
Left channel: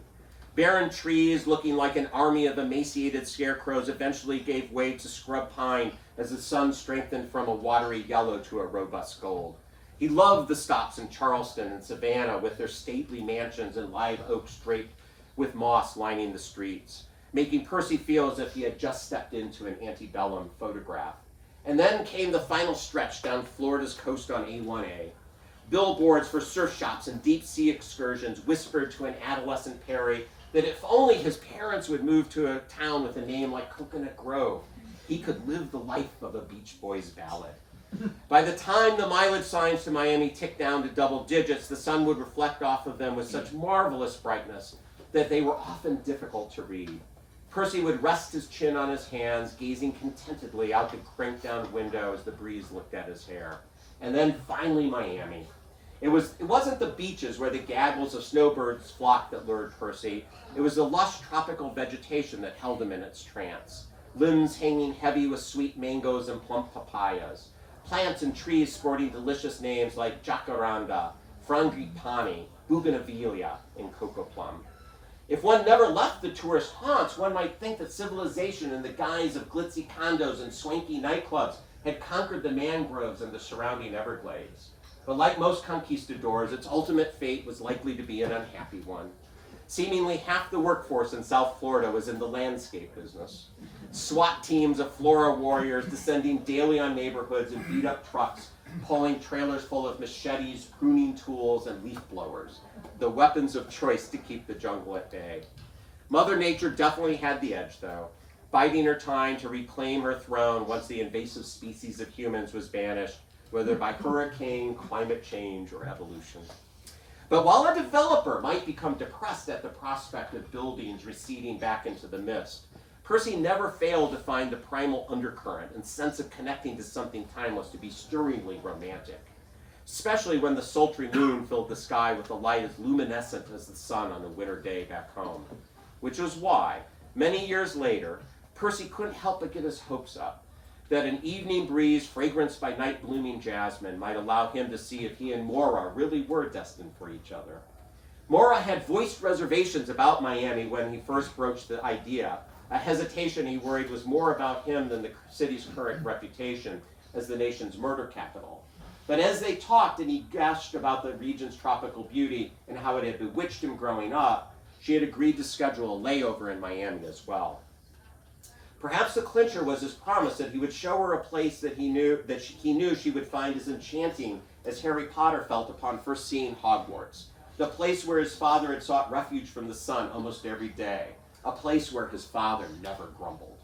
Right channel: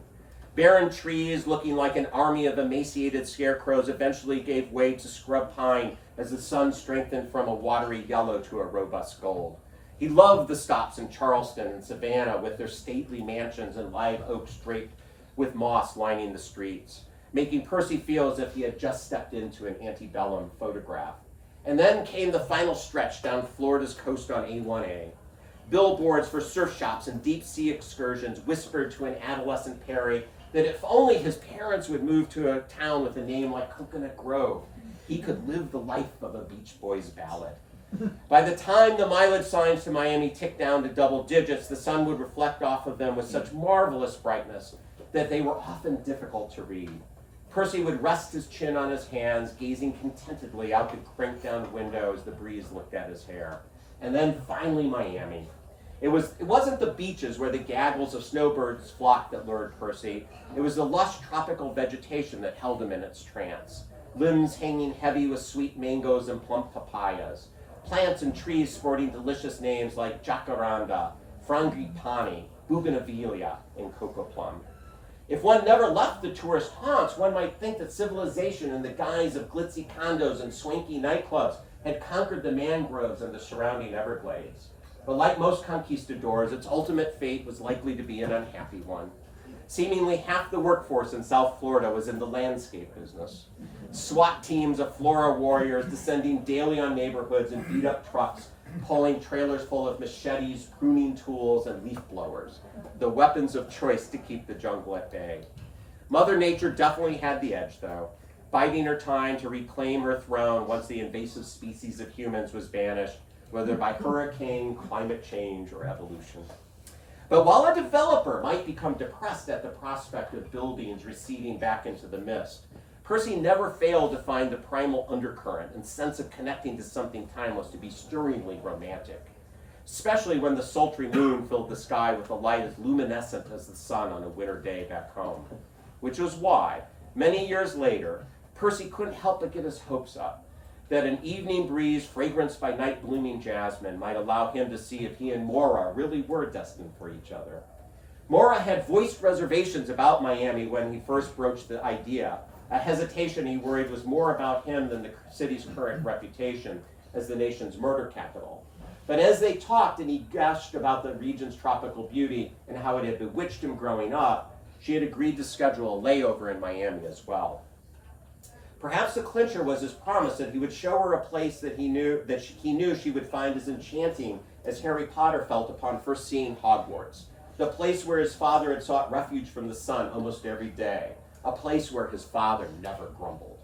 Barren trees, looking like an army of emaciated scarecrows, eventually gave way to scrub pine as the sun strengthened from a watery yellow to a robust gold. He loved the stops in Charleston and Savannah with their stately mansions and live oaks draped with moss lining the streets, making Percy feel as if he had just stepped into an antebellum photograph. And then came the final stretch down Florida's coast on A1A. Billboards for surf shops and deep-sea excursions whispered to an adolescent Perry that if only his parents would move to a town with a name like Coconut Grove, he could live the life of a Beach Boys ballad. By the time the mileage signs to Miami ticked down to double digits, the sun would reflect off of them with such marvelous brightness that they were often difficult to read. Percy would rest his chin on his hands, gazing contentedly out the cranked-down window as the breeze looked at his hair. And then finally Miami. It wasn't the beaches where the gaggles of snowbirds flocked that lured Percy. It was the lush tropical vegetation that held him in its trance. Limbs hanging heavy with sweet mangoes and plump papayas. Plants and trees sporting delicious names like jacaranda, frangipani, bougainvillea, and cocoa plum. If one never left the tourist haunts, one might think that civilization in the guise of glitzy condos and swanky nightclubs had conquered the mangroves and the surrounding Everglades. But like most conquistadors, its ultimate fate was likely to be an unhappy one. Seemingly half the workforce in South Florida was in the landscape business. SWAT teams of Flora warriors descending daily on neighborhoods in beat-up trucks, pulling trailers full of machetes, pruning tools, and leaf blowers, the weapons of choice to keep the jungle at bay. Mother Nature definitely had the edge, though, biding her time to reclaim her throne once the invasive species of humans was banished, whether by hurricane, climate change, or evolution. But while a developer might become depressed at the prospect of buildings receding back into the mist, Percy never failed to find the primal undercurrent and sense of connecting to something timeless to be stirringly romantic, especially when the sultry moon filled the sky with a light as luminescent as the sun on a winter day back home. Which was why, many years later, Percy couldn't help but get his hopes up that an evening breeze fragranced by night-blooming jasmine might allow him to see if he and Maura really were destined for each other. Maura had voiced reservations about Miami when he first broached the idea, a hesitation he worried was more about him than the city's current reputation as the nation's murder capital. But as they talked and he gushed about the region's tropical beauty and how it had bewitched him growing up, she had agreed to schedule a layover in Miami as well. Perhaps the clincher was his promise that he would show her a place that he knew she would find as enchanting as Harry Potter felt upon first seeing Hogwarts, the place where his father had sought refuge from the sun almost every day, a place where his father never grumbled.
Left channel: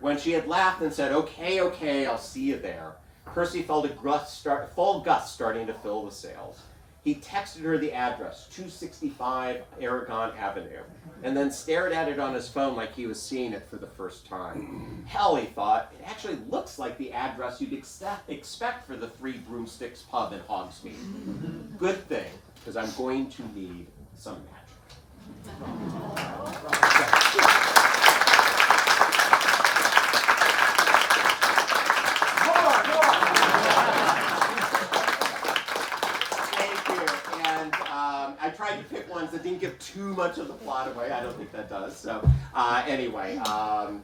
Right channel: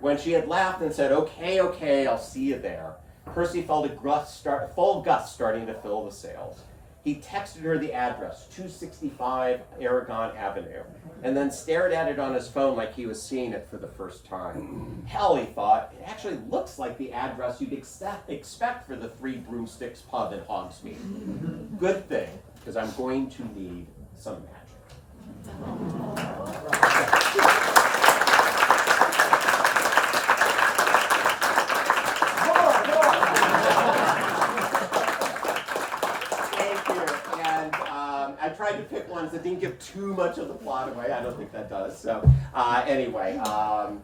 When she had laughed and said, okay, I'll see you there, Percy felt a full gust starting to fill the sails. He texted her the address, 265 Aragon Avenue, and then stared at it on his phone like he was seeing it for the first time. Hell, he thought, it actually looks like the address you'd expect for the Three Broomsticks pub in Hogsmeade. Good thing, because I'm going to need some magic. I tried to pick ones that didn't give too much of the plot away. I don't think that does. So anyway,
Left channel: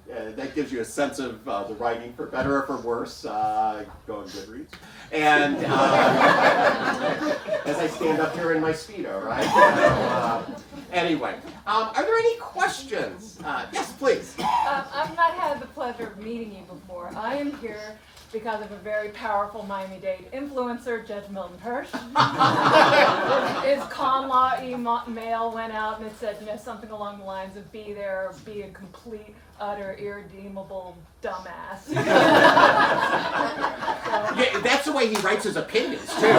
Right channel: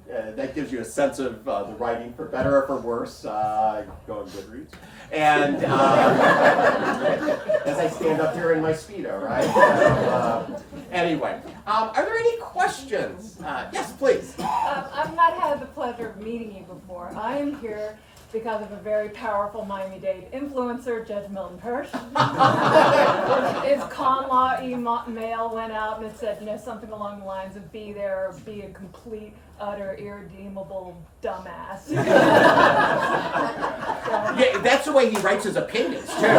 that gives you a sense of the writing, for better or for worse. Go on Goodreads. And as I stand up here in my Speedo, right? So, anyway, are there any questions? Yes, please. I've not had the pleasure of meeting you before. I am here because of a very powerful Miami-Dade influencer, Judge Milton Hirsch. His con law email went out and it said, something along the lines of be there, or be a complete, utter, irredeemable dumbass. Yeah, that's the way he writes his opinions, too. But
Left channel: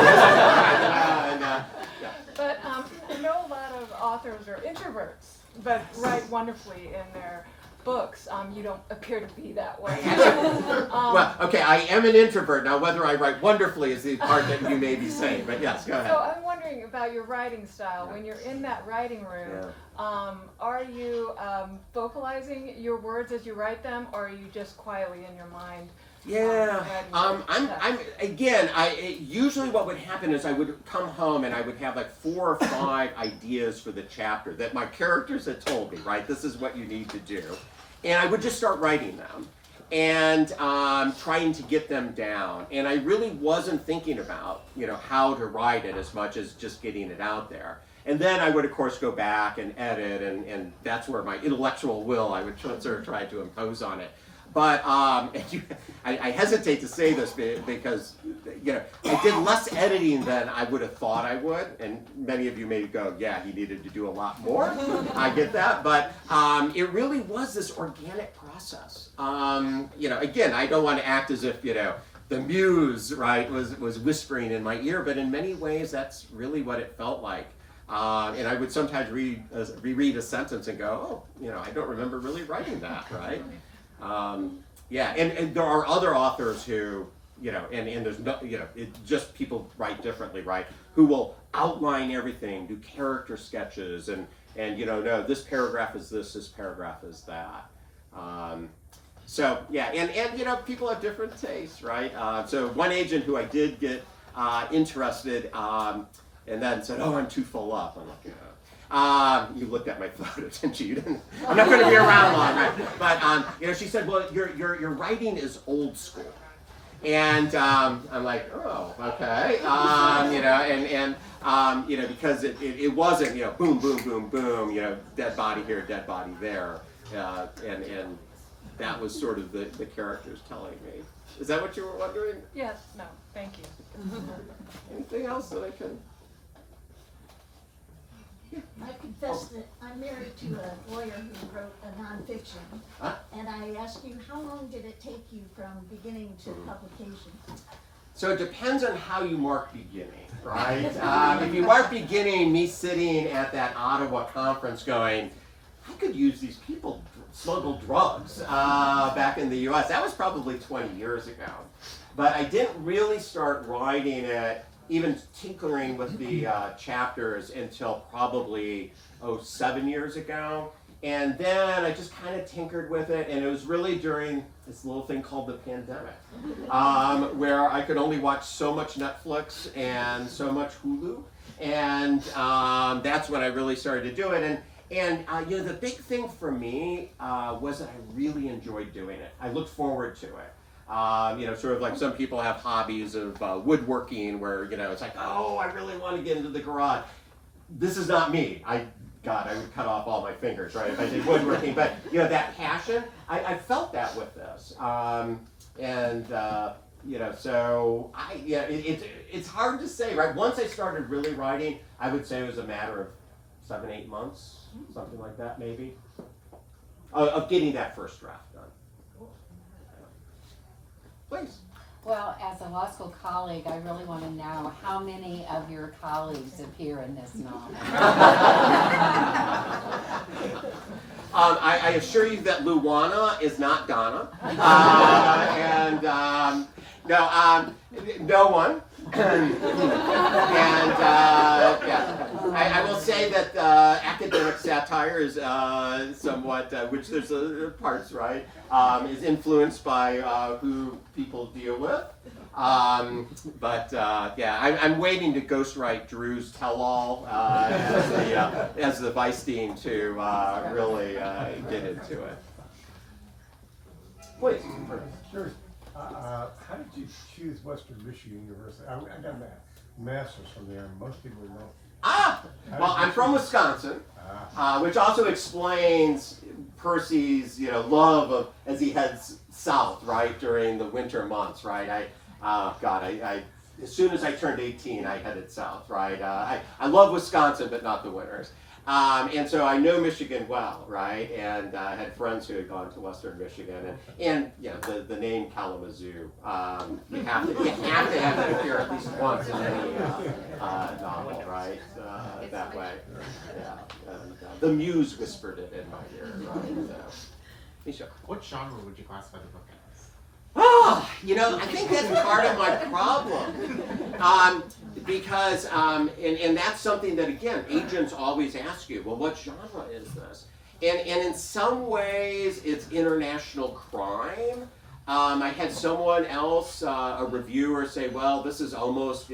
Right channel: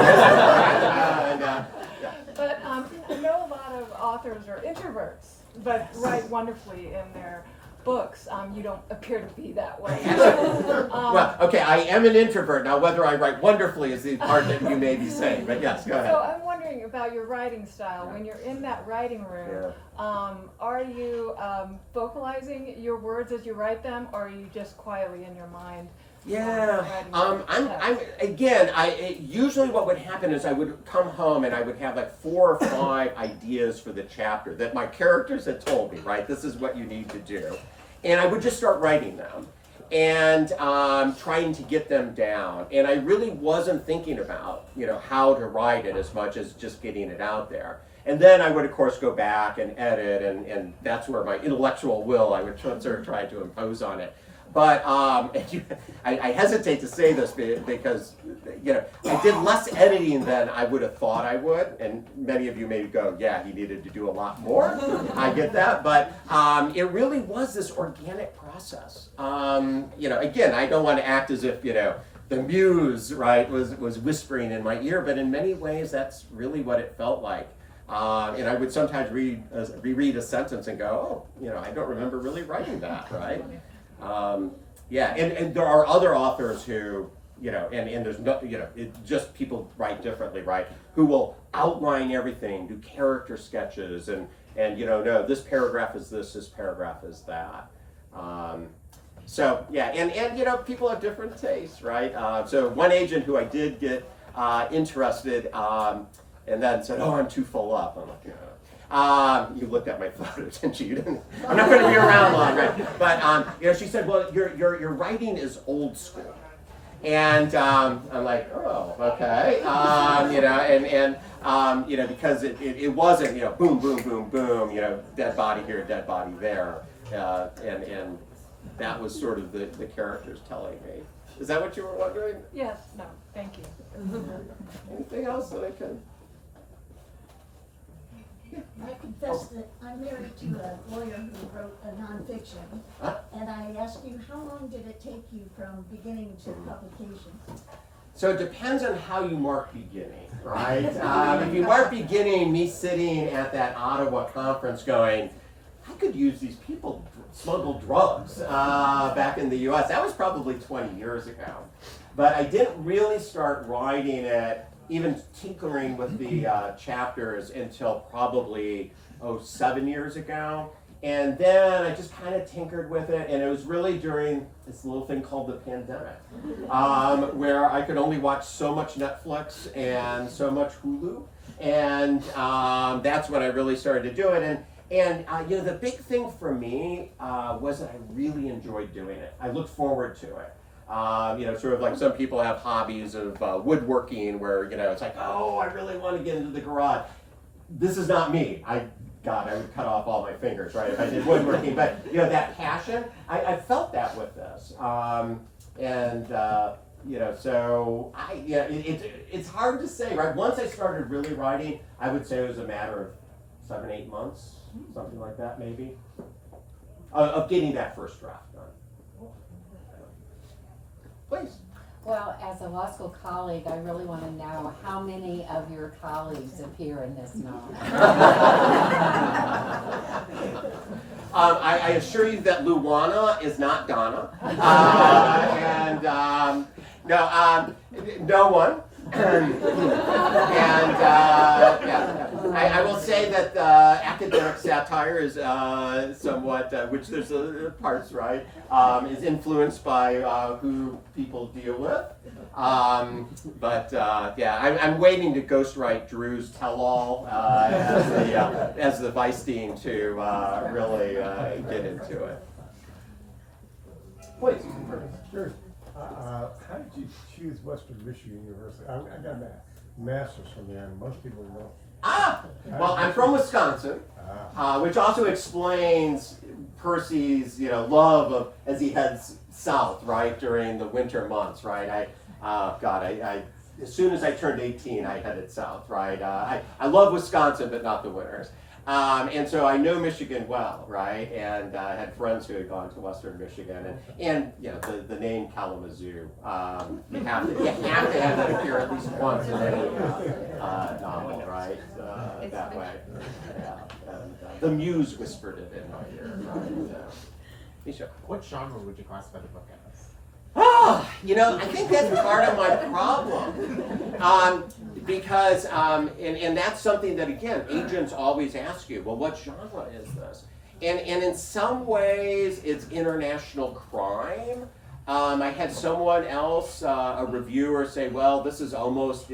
I know a lot of authors are introverts, but write wonderfully in their books. You don't appear to be that way. Well, okay, I am an introvert. Now, whether I write wonderfully is the part that you may be saying, but yes, go ahead. So I'm wondering about your writing style. When you're in that writing room, are you vocalizing your words as you write them, or are you just quietly in your mind? Yeah, usually what would happen is I would come home and I would have like 4 or 5 ideas for the chapter that my characters had told me, right? This is what you need to do. And I would just start writing them and trying to get them down. And I really wasn't thinking about, how to write it as much as just getting it out there. And then I would, of course, go back and edit, and that's where my intellectual will, I would sort of try to impose on it. But I hesitate to say this because, I did less editing than I would have thought I would. And many of you may go, yeah, he needed to do a lot more. I get that. But it really was this organic process. Again, I don't want to act as if, the muse, right, was whispering in my ear. But in many ways, that's really what it felt like. And I would sometimes reread a sentence and go, I don't remember really writing that, right? And there are other authors who, and there's no, just people write differently, right? Who will outline everything, do character sketches, and no, this paragraph is this paragraph is that. And people have different tastes, right? So one agent who I did get interested, and then said, "Oh, I'm too full up." I'm like, you looked at my photos, didn't you? I'm not going to be around long, right? But she said, "Well, your writing is old school," and I'm like, "Oh, okay," because it wasn't, boom, boom, boom, boom, dead body here, dead body there, and that was sort of the characters telling me. Is that what you were wondering? Yes. No. Thank you. Anything else that I can? I confess that I'm married to a lawyer who wrote a nonfiction, and I asked you, how long did it take you from beginning to publication? So it depends on how you mark beginning, right? If you mark beginning, me sitting at that Ottawa conference going, I could use these people smuggle drugs back in the U.S. That was probably 20 years ago. But I didn't really start writing it, even tinkering with the chapters until probably 7 years ago. And then I just kind of tinkered with it, and it was really during this little thing called the pandemic, where I could only watch so much Netflix and so much Hulu, and that's when I really started to do it. And the big thing for me was that I really enjoyed doing it. I looked forward to it. Sort of like some people have hobbies of woodworking where, it's like, oh, I really want to get into the garage. This is not me. I would cut off all my fingers, right, if I did woodworking. But, that passion, I felt that with this. It's hard to say, right? Once I started really writing, I would say it was a matter of 7, 8 months, something like that, maybe, of getting that first draft done. Please. Well, as a law school colleague, I really want to know how many of your colleagues appear in this novel. I assure you that Luana is not Donna, no one. I will say that academic satire is somewhat, which there's parts, right, is influenced by who people deal with. Yeah, I'm waiting to ghostwrite Drew's tell-all as the Weisstein to really get into it. Please. Sure. How did you choose Western Michigan University? I got a master's from there, and most people don't. Well, I'm from Wisconsin, which also explains Percy's, love of as he heads south, right, during the winter months, right? I as soon as I turned 18, I headed south, right? I love Wisconsin, but not the winters. And so I know Michigan well, right? And I had friends who had gone to Western Michigan, and the name Kalamazoo. You have to have that appear at least once in any novel, right? That way, yeah. And, the Muse whispered it in my ear, right? So, Misha. What genre would you classify the book as? I think that's part of my problem. Because, and that's something that, again, agents always ask you, well, what genre is this? And in some ways, it's international crime. I had someone else, a reviewer, say, well, this is almost,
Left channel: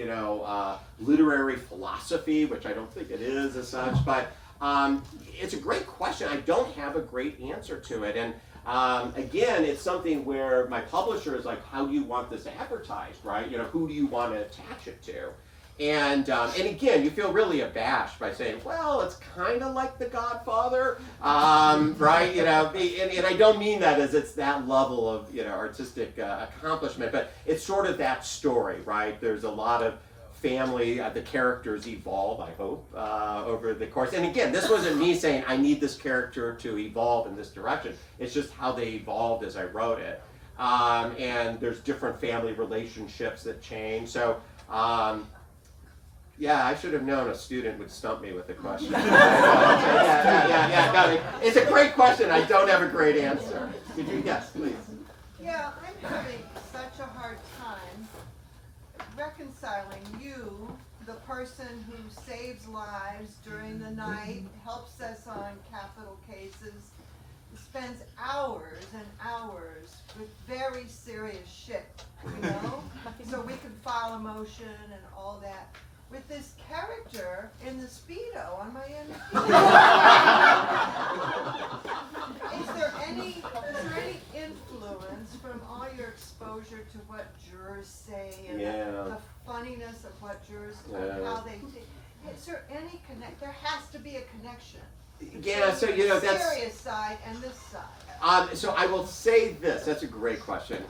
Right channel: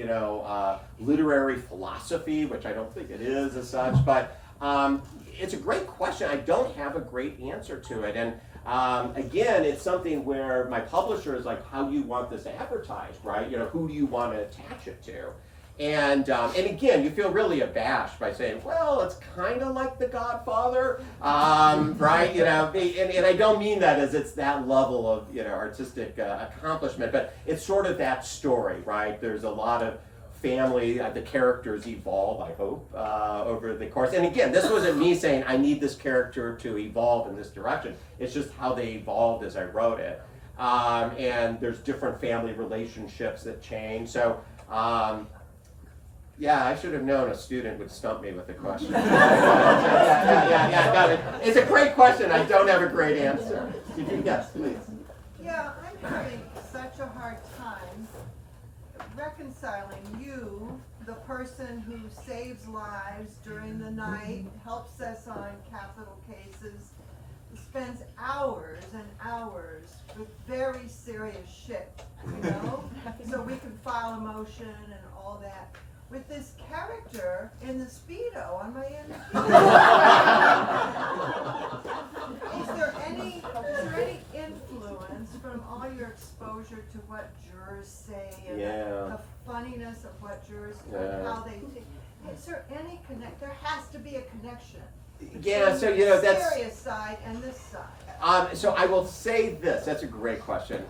literary philosophy, which I don't think it is as such, but it's a great question. I don't have a great answer to it. And again, it's something where my publisher is like, how do you want this advertised, right? Who do you want to attach it to? And again, you feel really abashed by saying, well, it's kind of like The Godfather, right? And I don't mean that as it's that level of, artistic accomplishment, but it's sort of that story, right? There's a lot of family, the characters evolve, I hope, over the course. And again, this wasn't me saying, I need this character to evolve in this direction. It's just how they evolved as I wrote it. And there's different family relationships that change. So, yeah, I should have known a student would stump me with the question. Yeah. No, it's a great question. I don't have a great answer. Could you guess, please? Yeah, I'm having such a hard time reconciling you, the person who saves lives during the night, helps us on capital cases, spends hours and hours with very serious shit, so we can file a motion and all that. With this character in the Speedo on my end. Is there any influence from all your exposure to what jurors say and the funniness of what jurors say and how they think? Is there any there has to be a connection. Yeah, so that's serious side and this side. So I will say this. That's a great question.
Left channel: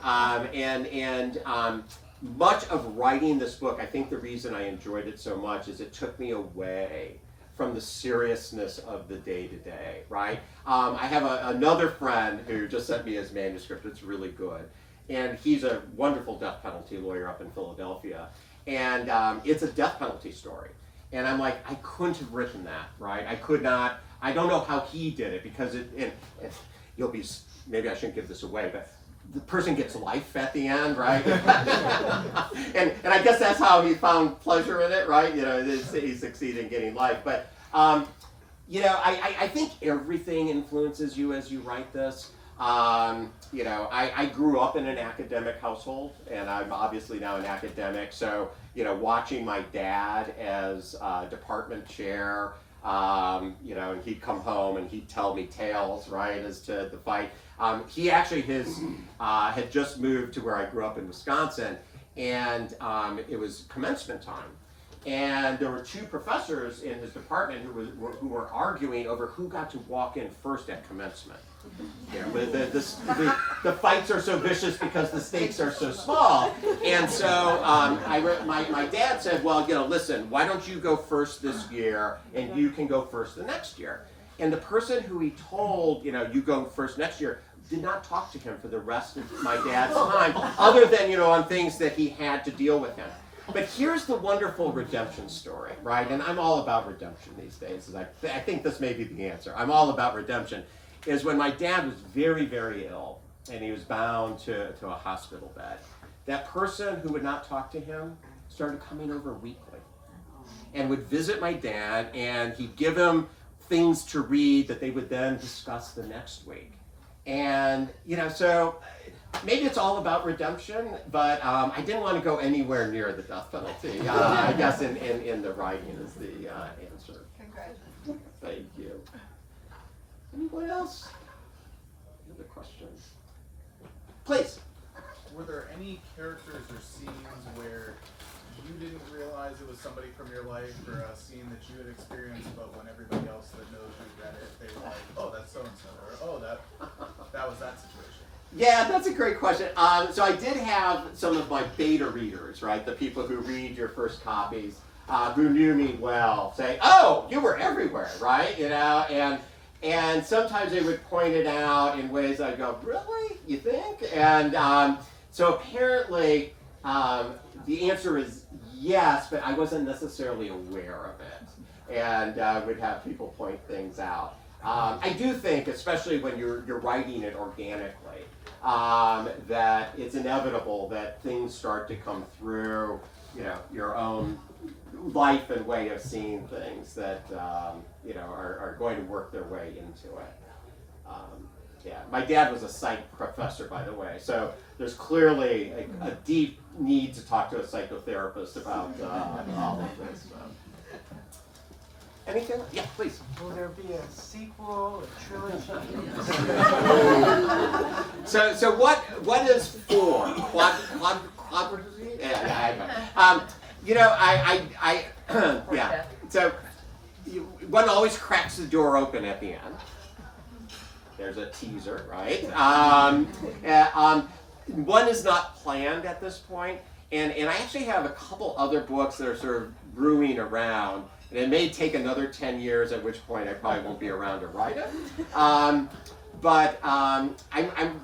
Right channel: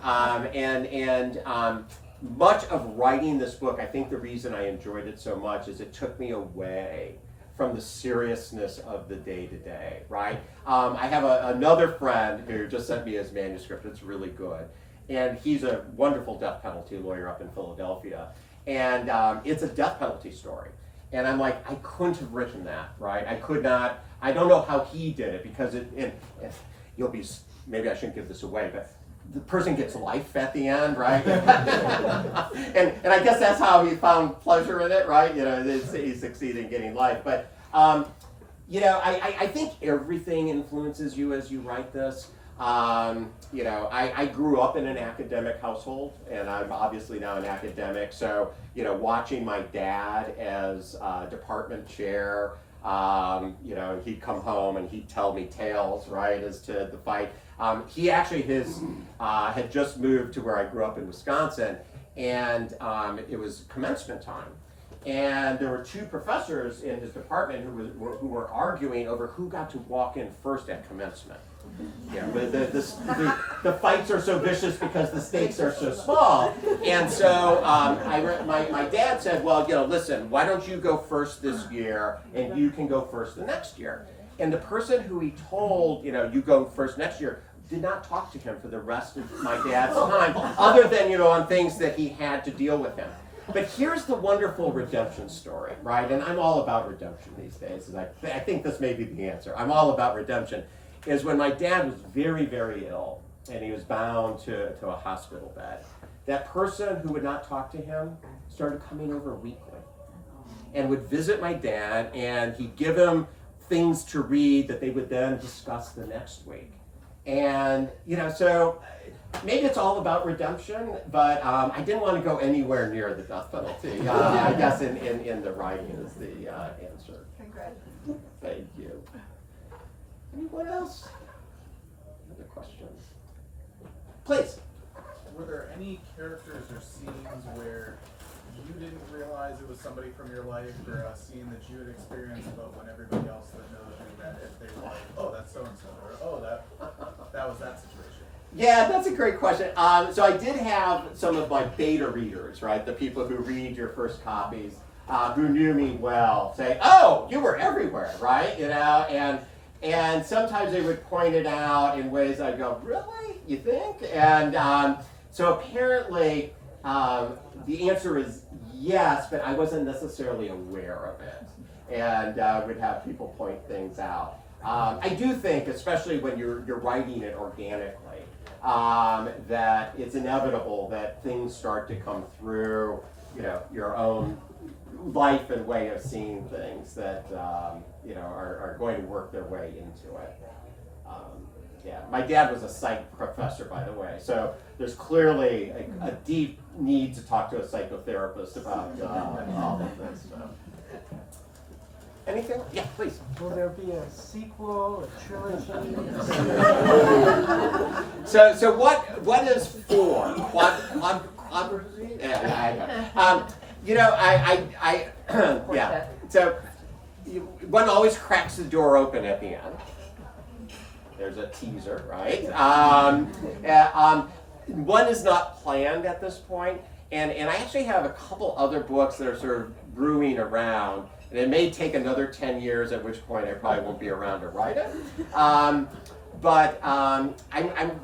Much of writing this book, I think the reason I enjoyed it so much is it took me away from the seriousness of the day-to-day, right? I have another friend who just sent me his manuscript. It's really good. And he's a wonderful death penalty lawyer up in Philadelphia. And it's a death penalty story. And I'm like, I couldn't have written that, right? I could not. I don't know how he did it because maybe I shouldn't give this away, but the person gets life at the end, right? and I guess that's how he found pleasure in it, right? He succeeded in getting life. But, I think everything influences you as you write this. I grew up in an academic household, and I'm obviously now an academic. So, watching my dad as department chair, and he'd come home and he'd tell me tales, right, as to the fight. He actually had just moved to where I grew up in Wisconsin, and it was commencement time. And there were two professors in his department who were arguing over who got to walk in first at commencement. The fights are so vicious because the stakes are so small. And so my dad said, well, listen, why don't you go first this year and you can go first the next year? And the person who he told, you go first next year, did not talk to him for the rest of my dad's time, other than, on things that he had to deal with him. But here's the wonderful redemption story, right? And I'm all about redemption these days. And I think this may be the answer. I'm all about redemption. Is when my dad was very, very ill, and he was bound to a hospital bed. That person who would not talk to him started coming over weekly. and would visit my dad, and he'd give him things to read that they would then discuss the next week. And, so maybe it's all about redemption, but I didn't want to go anywhere near the death penalty. I guess in the writing is the answer. Congratulations. Thank you. Anyone else? Other questions? Please. Were there any characters or scenes where you didn't realize it was somebody from your life, or a scene that you had experienced, but when everybody else that knows you read it, they were like, oh, that's so-and-so, or oh, that was that situation? Yeah, that's a great question. So I did have some of my beta readers, right, the people who read your first copies, who knew me well, say, oh, you were everywhere, right, and sometimes they would point it out in ways I'd go, really, you think? And so apparently, the answer is yes, but I wasn't necessarily aware of it, and would have people point things out. I do think, especially when you're writing it organically, that it's inevitable that things start to come through, your own life and way of seeing things that are going to work their way into it. Yeah, my dad was a psych professor, by the way, so there's clearly a deep need to talk to a psychotherapist about all of this. Anything? Yeah, please. Will there be a sequel, a trilogy? So what is four? Quadrilogy? Yeah. Yeah. So one always cracks the door open at the end. There's a teaser, right? One is not planned at this point, and I actually have a couple other books that are sort of brewing around, and it may take another 10 years, at which point I probably won't be around to write it. But I'm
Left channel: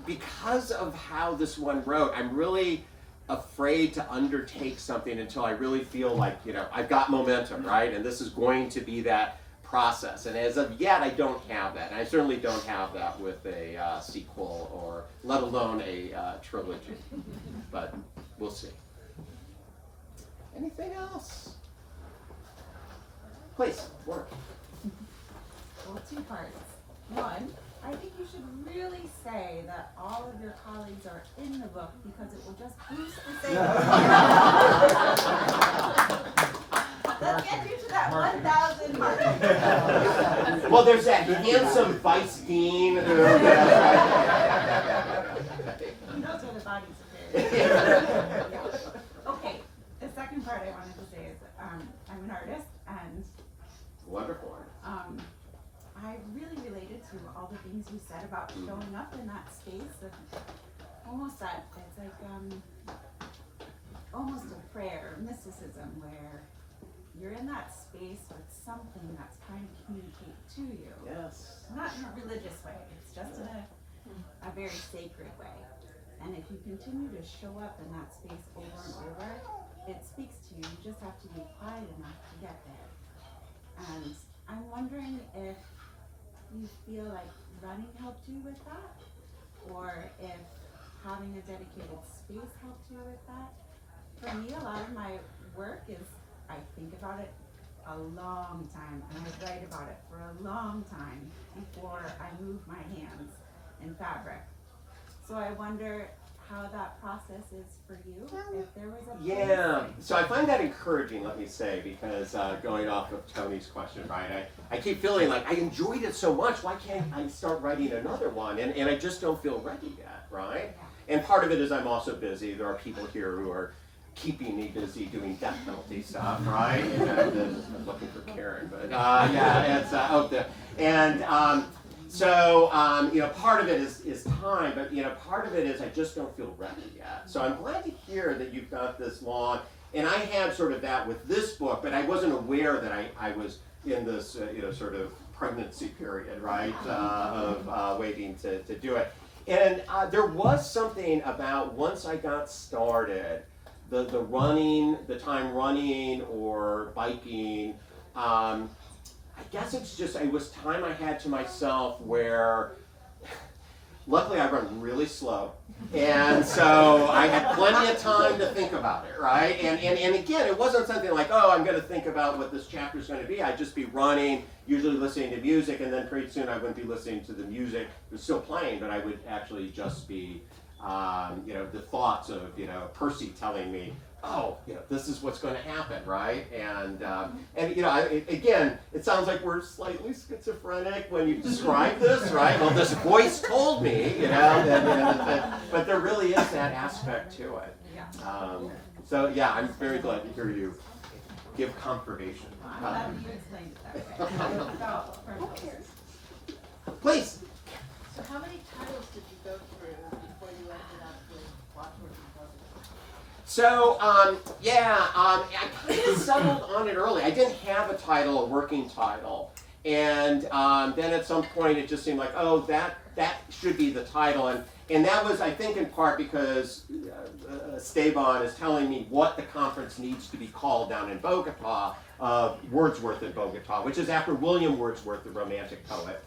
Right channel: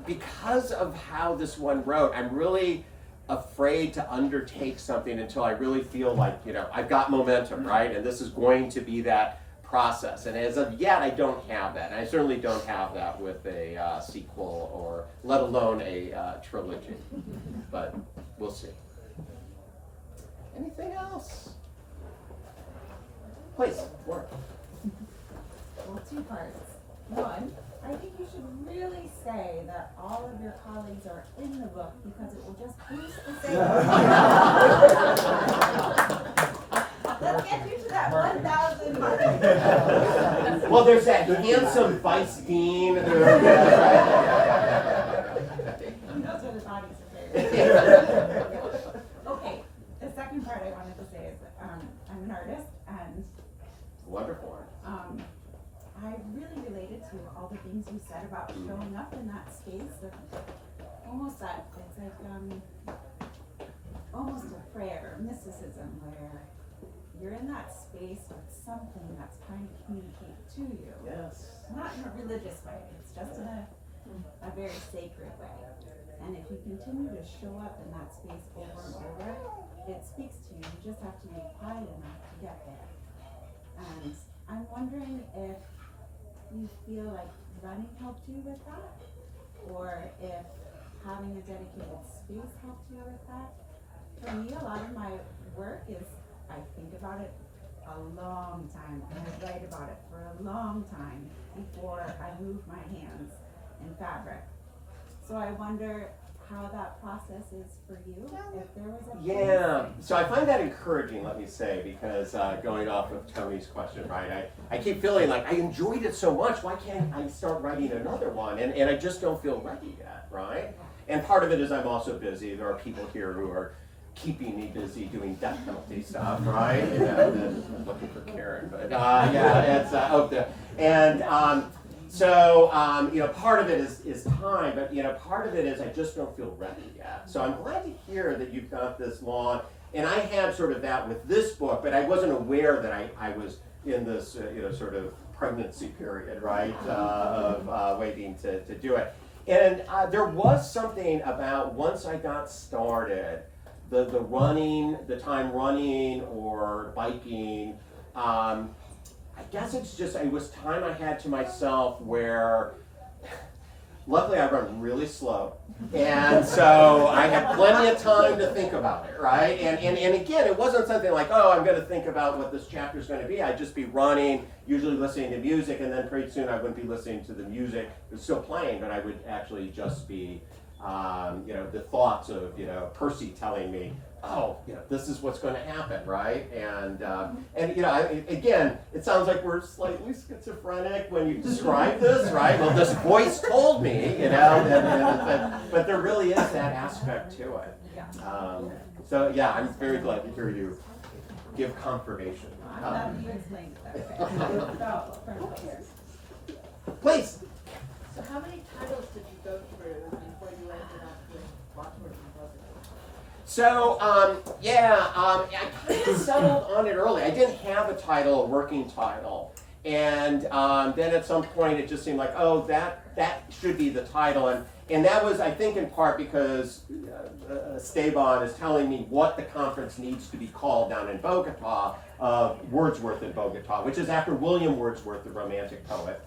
because of how this one wrote, I'm really afraid to undertake something until I really feel like, I've got momentum, right? And this is going to be that process. And as of yet, I don't have that. And I certainly don't have that with a sequel, or let alone a trilogy. But we'll see. Anything else? Please, Laura. Well, two parts. One, I think you should really say that all of your colleagues are in the book, because it will just boost the sales. Let's get you to that 1,000 mark. Well, there's that handsome vice dean. He knows where the bodies are buried. Okay, the second part I wanted to say is I'm an artist, and Wonderful. I really related to all the things you said about showing up in that space of almost that, it's like almost a prayer, mysticism, where you're in that space with something that's trying to communicate to you. Yes. Not in a religious way, it's just in a very sacred way. And if you continue to show up in that space over and over, it speaks to you. You just have to be quiet enough to get there. And I'm wondering if you feel like running helped you with that, or if having a dedicated space helped you with that. For me, a lot of my work is, I think about it a long time, and I write about it for a long time before I move my hands in fabric. So I wonder how that process is for you, if there was a Yeah, so I find that encouraging, let me say, because going off of Tony's question, right, I keep feeling like I enjoyed it so much, why can't I start writing another one? And I just don't feel ready yet, right? And part of it is I'm also busy. There are people here who are keeping me busy doing death penalty stuff, right? Looking for Karen, but yeah, it's out there. And so, part of it is time, but, part of it is I just don't feel ready yet. So I'm glad to hear that you've got this long, and I had sort of that with this book, but I wasn't aware that I was in this, sort of pregnancy period, right, of waiting to do it. And there was something about once I got started, the running, the time running or biking, I guess it was time I had to myself where Luckily, I run really slow, and so I had plenty of time to think about it, right? And again, it wasn't something like, oh, I'm going to think about what this chapter is going to be. I'd just be running, usually listening to music, and then pretty soon I wouldn't be listening to the music. It was still playing, but I would actually just be, the thoughts of, Percy telling me, oh, this is what's going to happen, right? And again, it sounds like we're slightly schizophrenic when you describe this, right? Well, this voice told me, but there really is that aspect to it. So yeah, I'm very glad to hear you give confirmation. I'm glad you explained it that way. Please. So how many titles did you go through before you ended up with Watchword and Bugaboo? So, I kind of settled on it early. I didn't have a title, a working title. And then at some point it just seemed like, oh, that should be the title. And that was, I think, in part because Esteban is telling me what the conference needs to be called down in Bogota, Wordsworth in Bogota, which is after William Wordsworth, the Romantic poet.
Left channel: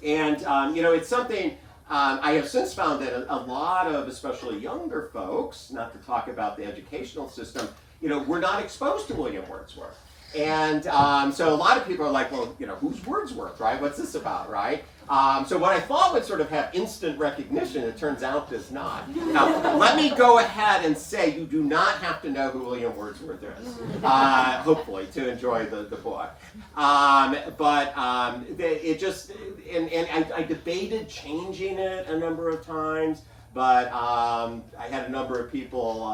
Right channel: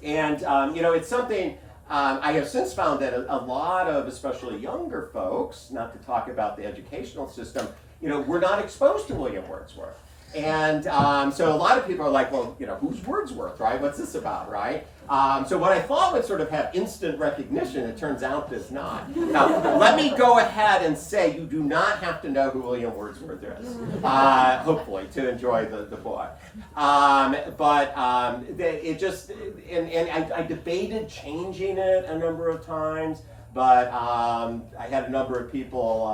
It's something I have since found that a lot of, especially younger folks, not to talk about the educational system, were not exposed to William Wordsworth. And so a lot of people are like, well, who's Wordsworth, right? What's this about, right? So what I thought would sort of have instant recognition, it turns out does not. Now, let me go ahead and say you do not have to know who William Wordsworth is, hopefully, to enjoy the book. It just, and I debated changing it a number of times, but I had a number of people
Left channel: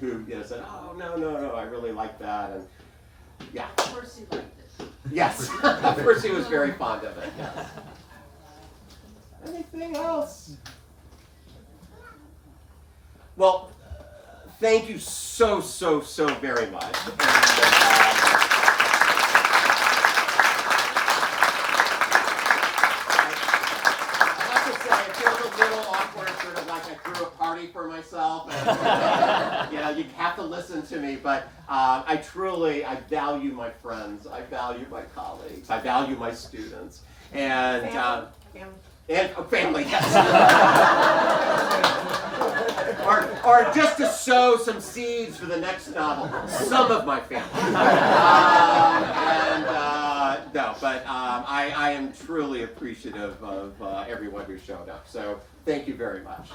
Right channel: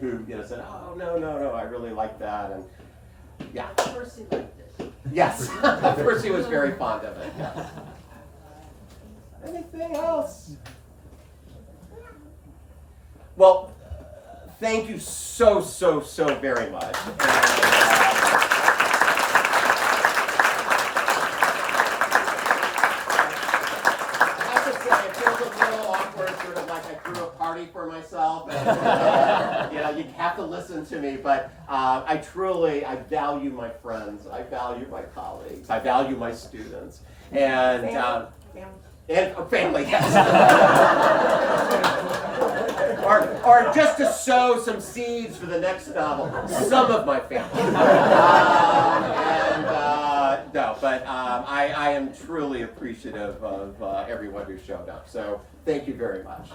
who said, oh, no, I really like that. And yeah. Percy liked it. Yes, Percy was very fond of it, yes. Anything else? Well, thank you so very much. I have to say, it feels a little awkward, sort of like I threw a party for myself. And, you have to listen to me, but I value my friends, I value my colleagues, I value my students, and family, yes. or just to sow some seeds for the next novel, some of my family. I am truly appreciative of everyone who showed up. So thank you very much.